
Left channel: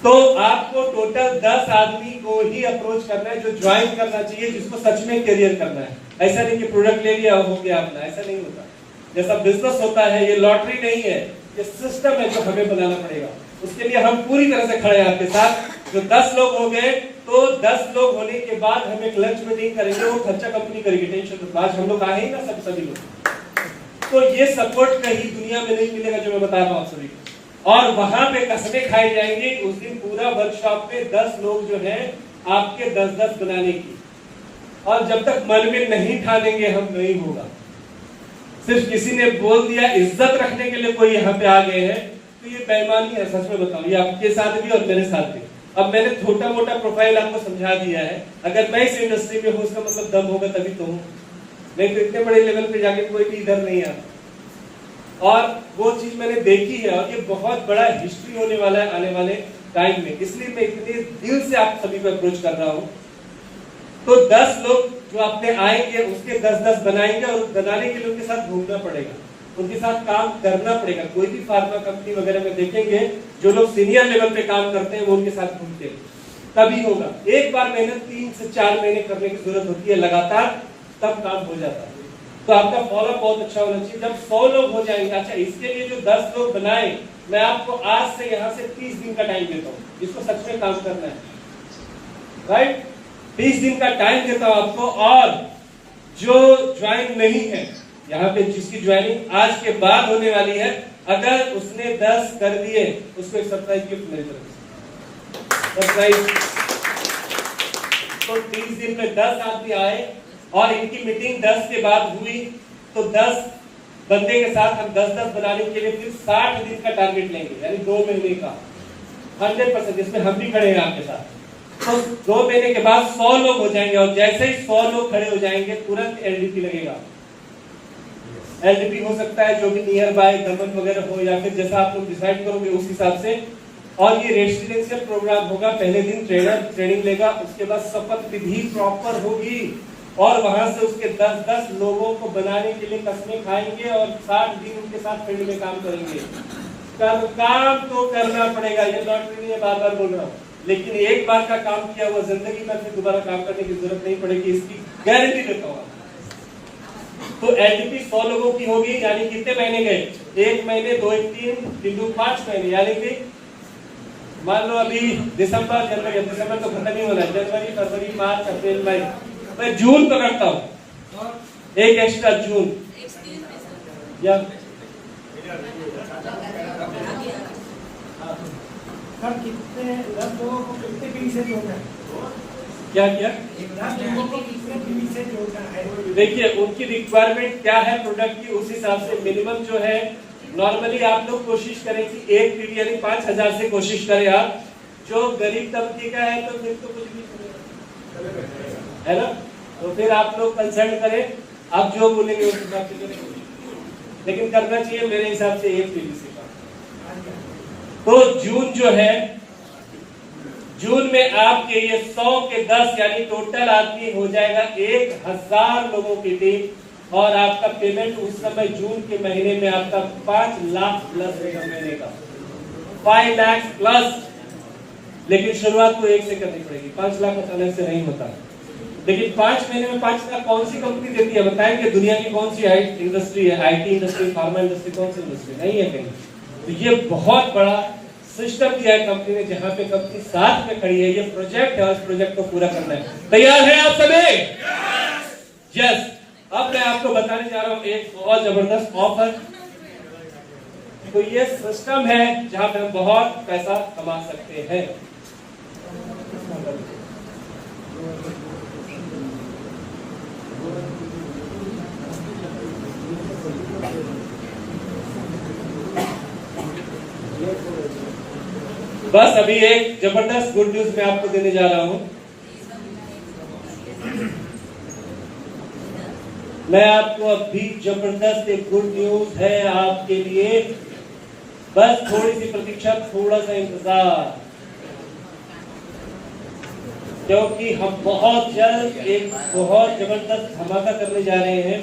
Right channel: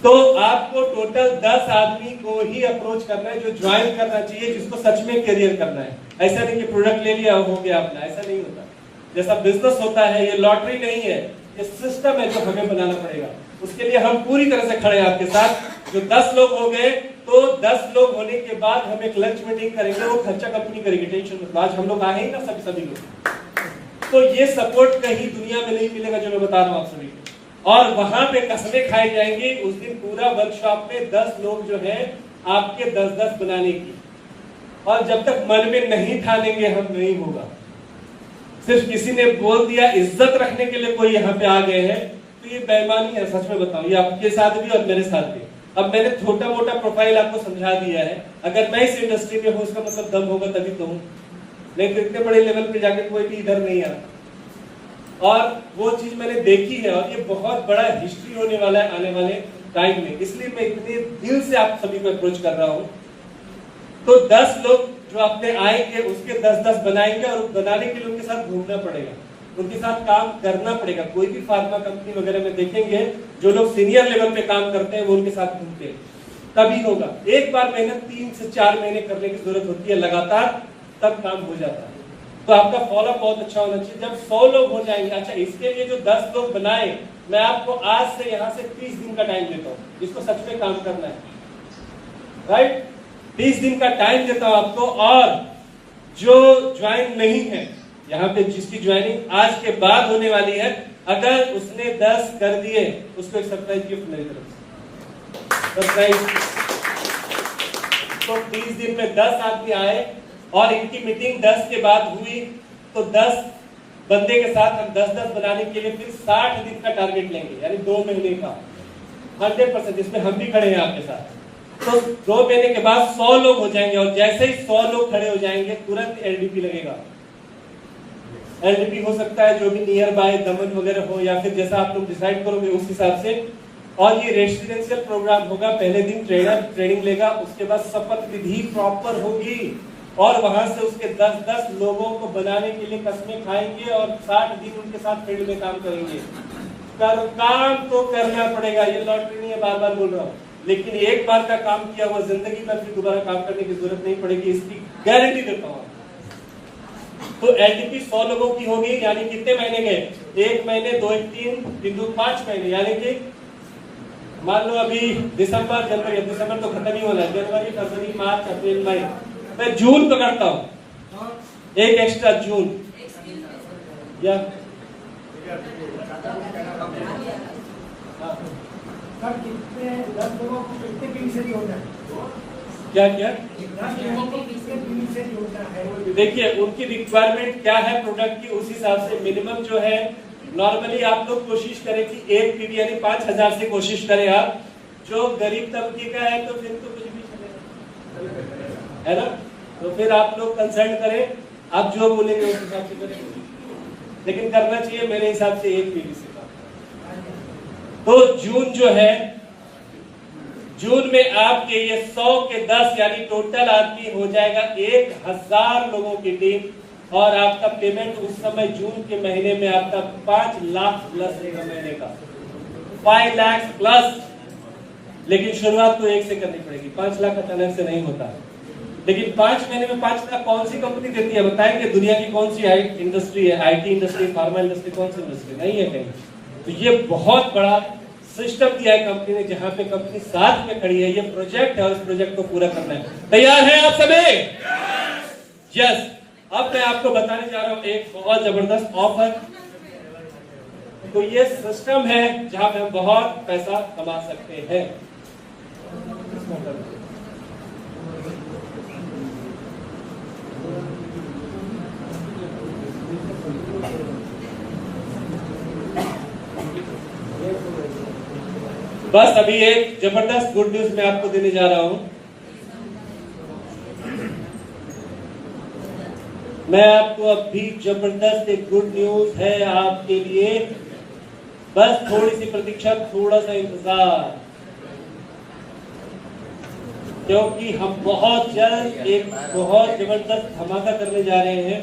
तो आपको टोटल 10 आदमी को ही अप्रोच करना है जो ज्वाइन करना चाहिए, जिसको सच में करियर करना है। ऐसा नहीं कि प्रोडक्ट ले लिया हो गया अपना, ऐसा नहीं होता। जैसा बिजनेस होता है, ये लॉटरी नहीं है, ये सिस्टम है जो हमें बनाना पड़ेगा। उसके लिए हम पूरी तरह से खड़े हैं आपके साथ। जो 10 लोग हो गए तो 10 लोग होने के बाद हम एक लंच मीटिंग करेंगे, वो खर्चा कंपनी करेगी, टेंशन मत। आज हम लोग आए ही ना सभी लोग, तो ये सपोर्ट कहीं दुनिया में नहीं मिलेगा जो मैं बता रहा हूँ आप सभी को। और वहां पे कसमें खाई जाएंगी उस दिन पूरा वर्कशॉप में 10 लोग जो है आपके 10-10 बनाने की। और जब तक मन में नहीं ठानेंगे हम नहीं होगा। सिर्फ किसी ने बोल दिया, इज्जत रखने के लिए कोई यहाँ पे आ गए हैं, तो ये बेईमानी है। सच में बताऊं, ये आपके साथ भी और मेरे साथ भी। अब मैंने छोटा मोटा प्रोफाइल आपको समझा दिया है। अगर मैं इस इंडस्ट्री में हूँ उसका मतलब दम होगा तभी तो हूँ, नहीं तो इतने बड़े लेवल पे जाके कोई भी इधर नहीं आता। और वो चीज मैंने देखी है और ये बहुत बड़ा हिस्ट्री होने वाला है आने वाले टाइम में, इसलिए मैं इतने दिल से आप सभी को अप्रोच कर रहा हूँ। तो 10 लोग जो अपने आएंगे उसके 10-10 बनाएंगे और बनाने के लिए उनके साथ घूमना पड़ेगा, उनके साथ काम करना पड़ेगा। कोई भी फार्मा कंपनी वगैरह में देखेंगे जो लोग सीनियर लेवल पे काम करते हैं वो उनके साथ घूमते हैं, तभी होगा। एक बार मेहनत 3 से 4 महीने करने की जरूरत होती है लगातार, तब काम हो जाता है। तो आपका फॉलोअप बहुत अच्छा होना चाहिए। जब 100 लोग हो जाएंगे, अच्छा इसके लिए जो 10 लोग बनाए, मैं आपको आज से यहाँ से 30 दिन का टाइम देता हूँ, जिसको सच में काम करना है, राइट। 30 दिन का टाइम देता हूँ आपको। और जो ज्वाइन नहीं है यहाँ पे, जिसकी ज्वाइनिंग आज के बाद होने वाली है, अगर उसने 10 कर दिए उसको एक सरप्राइज गिफ्ट मेरी तरफ से, सरप्राइज। तो 30 दिन में 10 आदमी आए और इनकी मीटिंग 10 के बाद हुई, तो 10 बंदे के साथ हम 10-10 बनाने के लिए फिर 60 दिन का टारगेट लेंगे, यानी 2 महीने का 100%, जिसमें हम भी खड़े हैं आपके साथ। तो 2 महीने के बाद 100 लोग हो जाएंगे और जैसे ही 100 लोग खड़े हो जाएंगे तुरंत एलडीपी लगेगा। एलडीपी हो सकता है जो भी नियर बाय दमन वगैरह हो, या फिर जैसा आप लोग डिसाइड करोगे उस हिसाब से। और ये रेसिडेंशियल प्रोग्राम होगा। पहले दिन ट्रेनर ट्रेनिंग लेगा, उसके बाद शपथ विधि प्रॉपर होगी और वहां से उसके 10-10 लोगों को बनाने के लिए कसमें खाएंगे और 60 दिन उनके साथ फील्ड में काम करेंगे। काम तो करना पड़ेगा, ये लॉटरी नहीं है, बार बार बोल रहा हूँ। लेकिन एक बार का काम किया हुआ जिंदगी में फिर दोबारा काम करने की जरूरत नहीं पड़ेगी, इसकी गारंटी देता हूँ। तो एलटीपी 100 लोगों की होगी, यानी कितने महीने गए, 1 महीने, 2, 3, 3, 5 महीने, यानी कि मान लो अभी दिसंबर, जनवरी, दिसंबर तो खत्म ही होना है, जनवरी, फरवरी, मार्च, अप्रैल, मई, मैं जून पकड़ता हूँ, एक एक्स्ट्रा जून, या कितने 10 लोगों को कितने फी से जोड़ना है? क्या क्या 10 लोगों को कितने फी से जोड़ना है? देखिए उनकी रिक्वायरमेंट क्या है प्रोडक्ट की, उस हिसाब से मिनिमम जो है, नॉर्मली आप लोग कोशिश करें कि 1 पीवी यानी 5000 से कोशिश करें आप। जो गरीब तबके का है तो फिर तो कुछ भी चलेगा, है ना। तो फिर आप लोग कंसल्ट करें, आप जो बोलेंगे उस हिसाब से करें, लेकिन करना चाहिए मेरे हिसाब से 1 पीवी से। तो जून जो है, जून में आपके ये 100 के 10 यानी टोटल आदमी हो जाएगा 1000 लोगों की टीम, और आपका पेमेंट उस समय जून के महीने में आपका 5 लाख प्लस रहेगा महीने का, 5 लाख प्लस। लेकिन शुरुआत तो 1 से करनी पड़ेगी, 5 लाख अचानक से नहीं होता। लेकिन 5 महीने में 5 लाख कौन सी कंपनी देती है बताएंगे? दुनिया की कौन सी इंडस्ट्री है? आईटी इंडस्ट्री, फार्मा इंडस्ट्री, कौन सी इंडस्ट्री? नहीं है कहीं। तो ये बहुत बड़ा सिस्टम दिया है कंपनी ने, जहां पे कंपनी साथ में खड़ी है। ये प्रोजेक्ट है, उस प्रोजेक्ट को पूरा करना है। तैयार हैं आप सभी? यस। अब मैं आपको बताने जा रहा हूं एक बहुत जबरदस्त ऑफर। तो ये सिस्टम है जहां पे हम बहुत पैसा कमा सकते हैं। बस अभी एक जबरदस्त गुड न्यूज मैं आपको देने जा रहा हूं। मैं आपको अभी जबरदस्त एक गुड न्यूज है आपके लिए। बस थोड़ी सी प्रतीक्षा, थोड़ा सा इंतजार, क्योंकि हम बहुत जल्द एक बहुत जबरदस्त धमाका करने जा रहे हैं।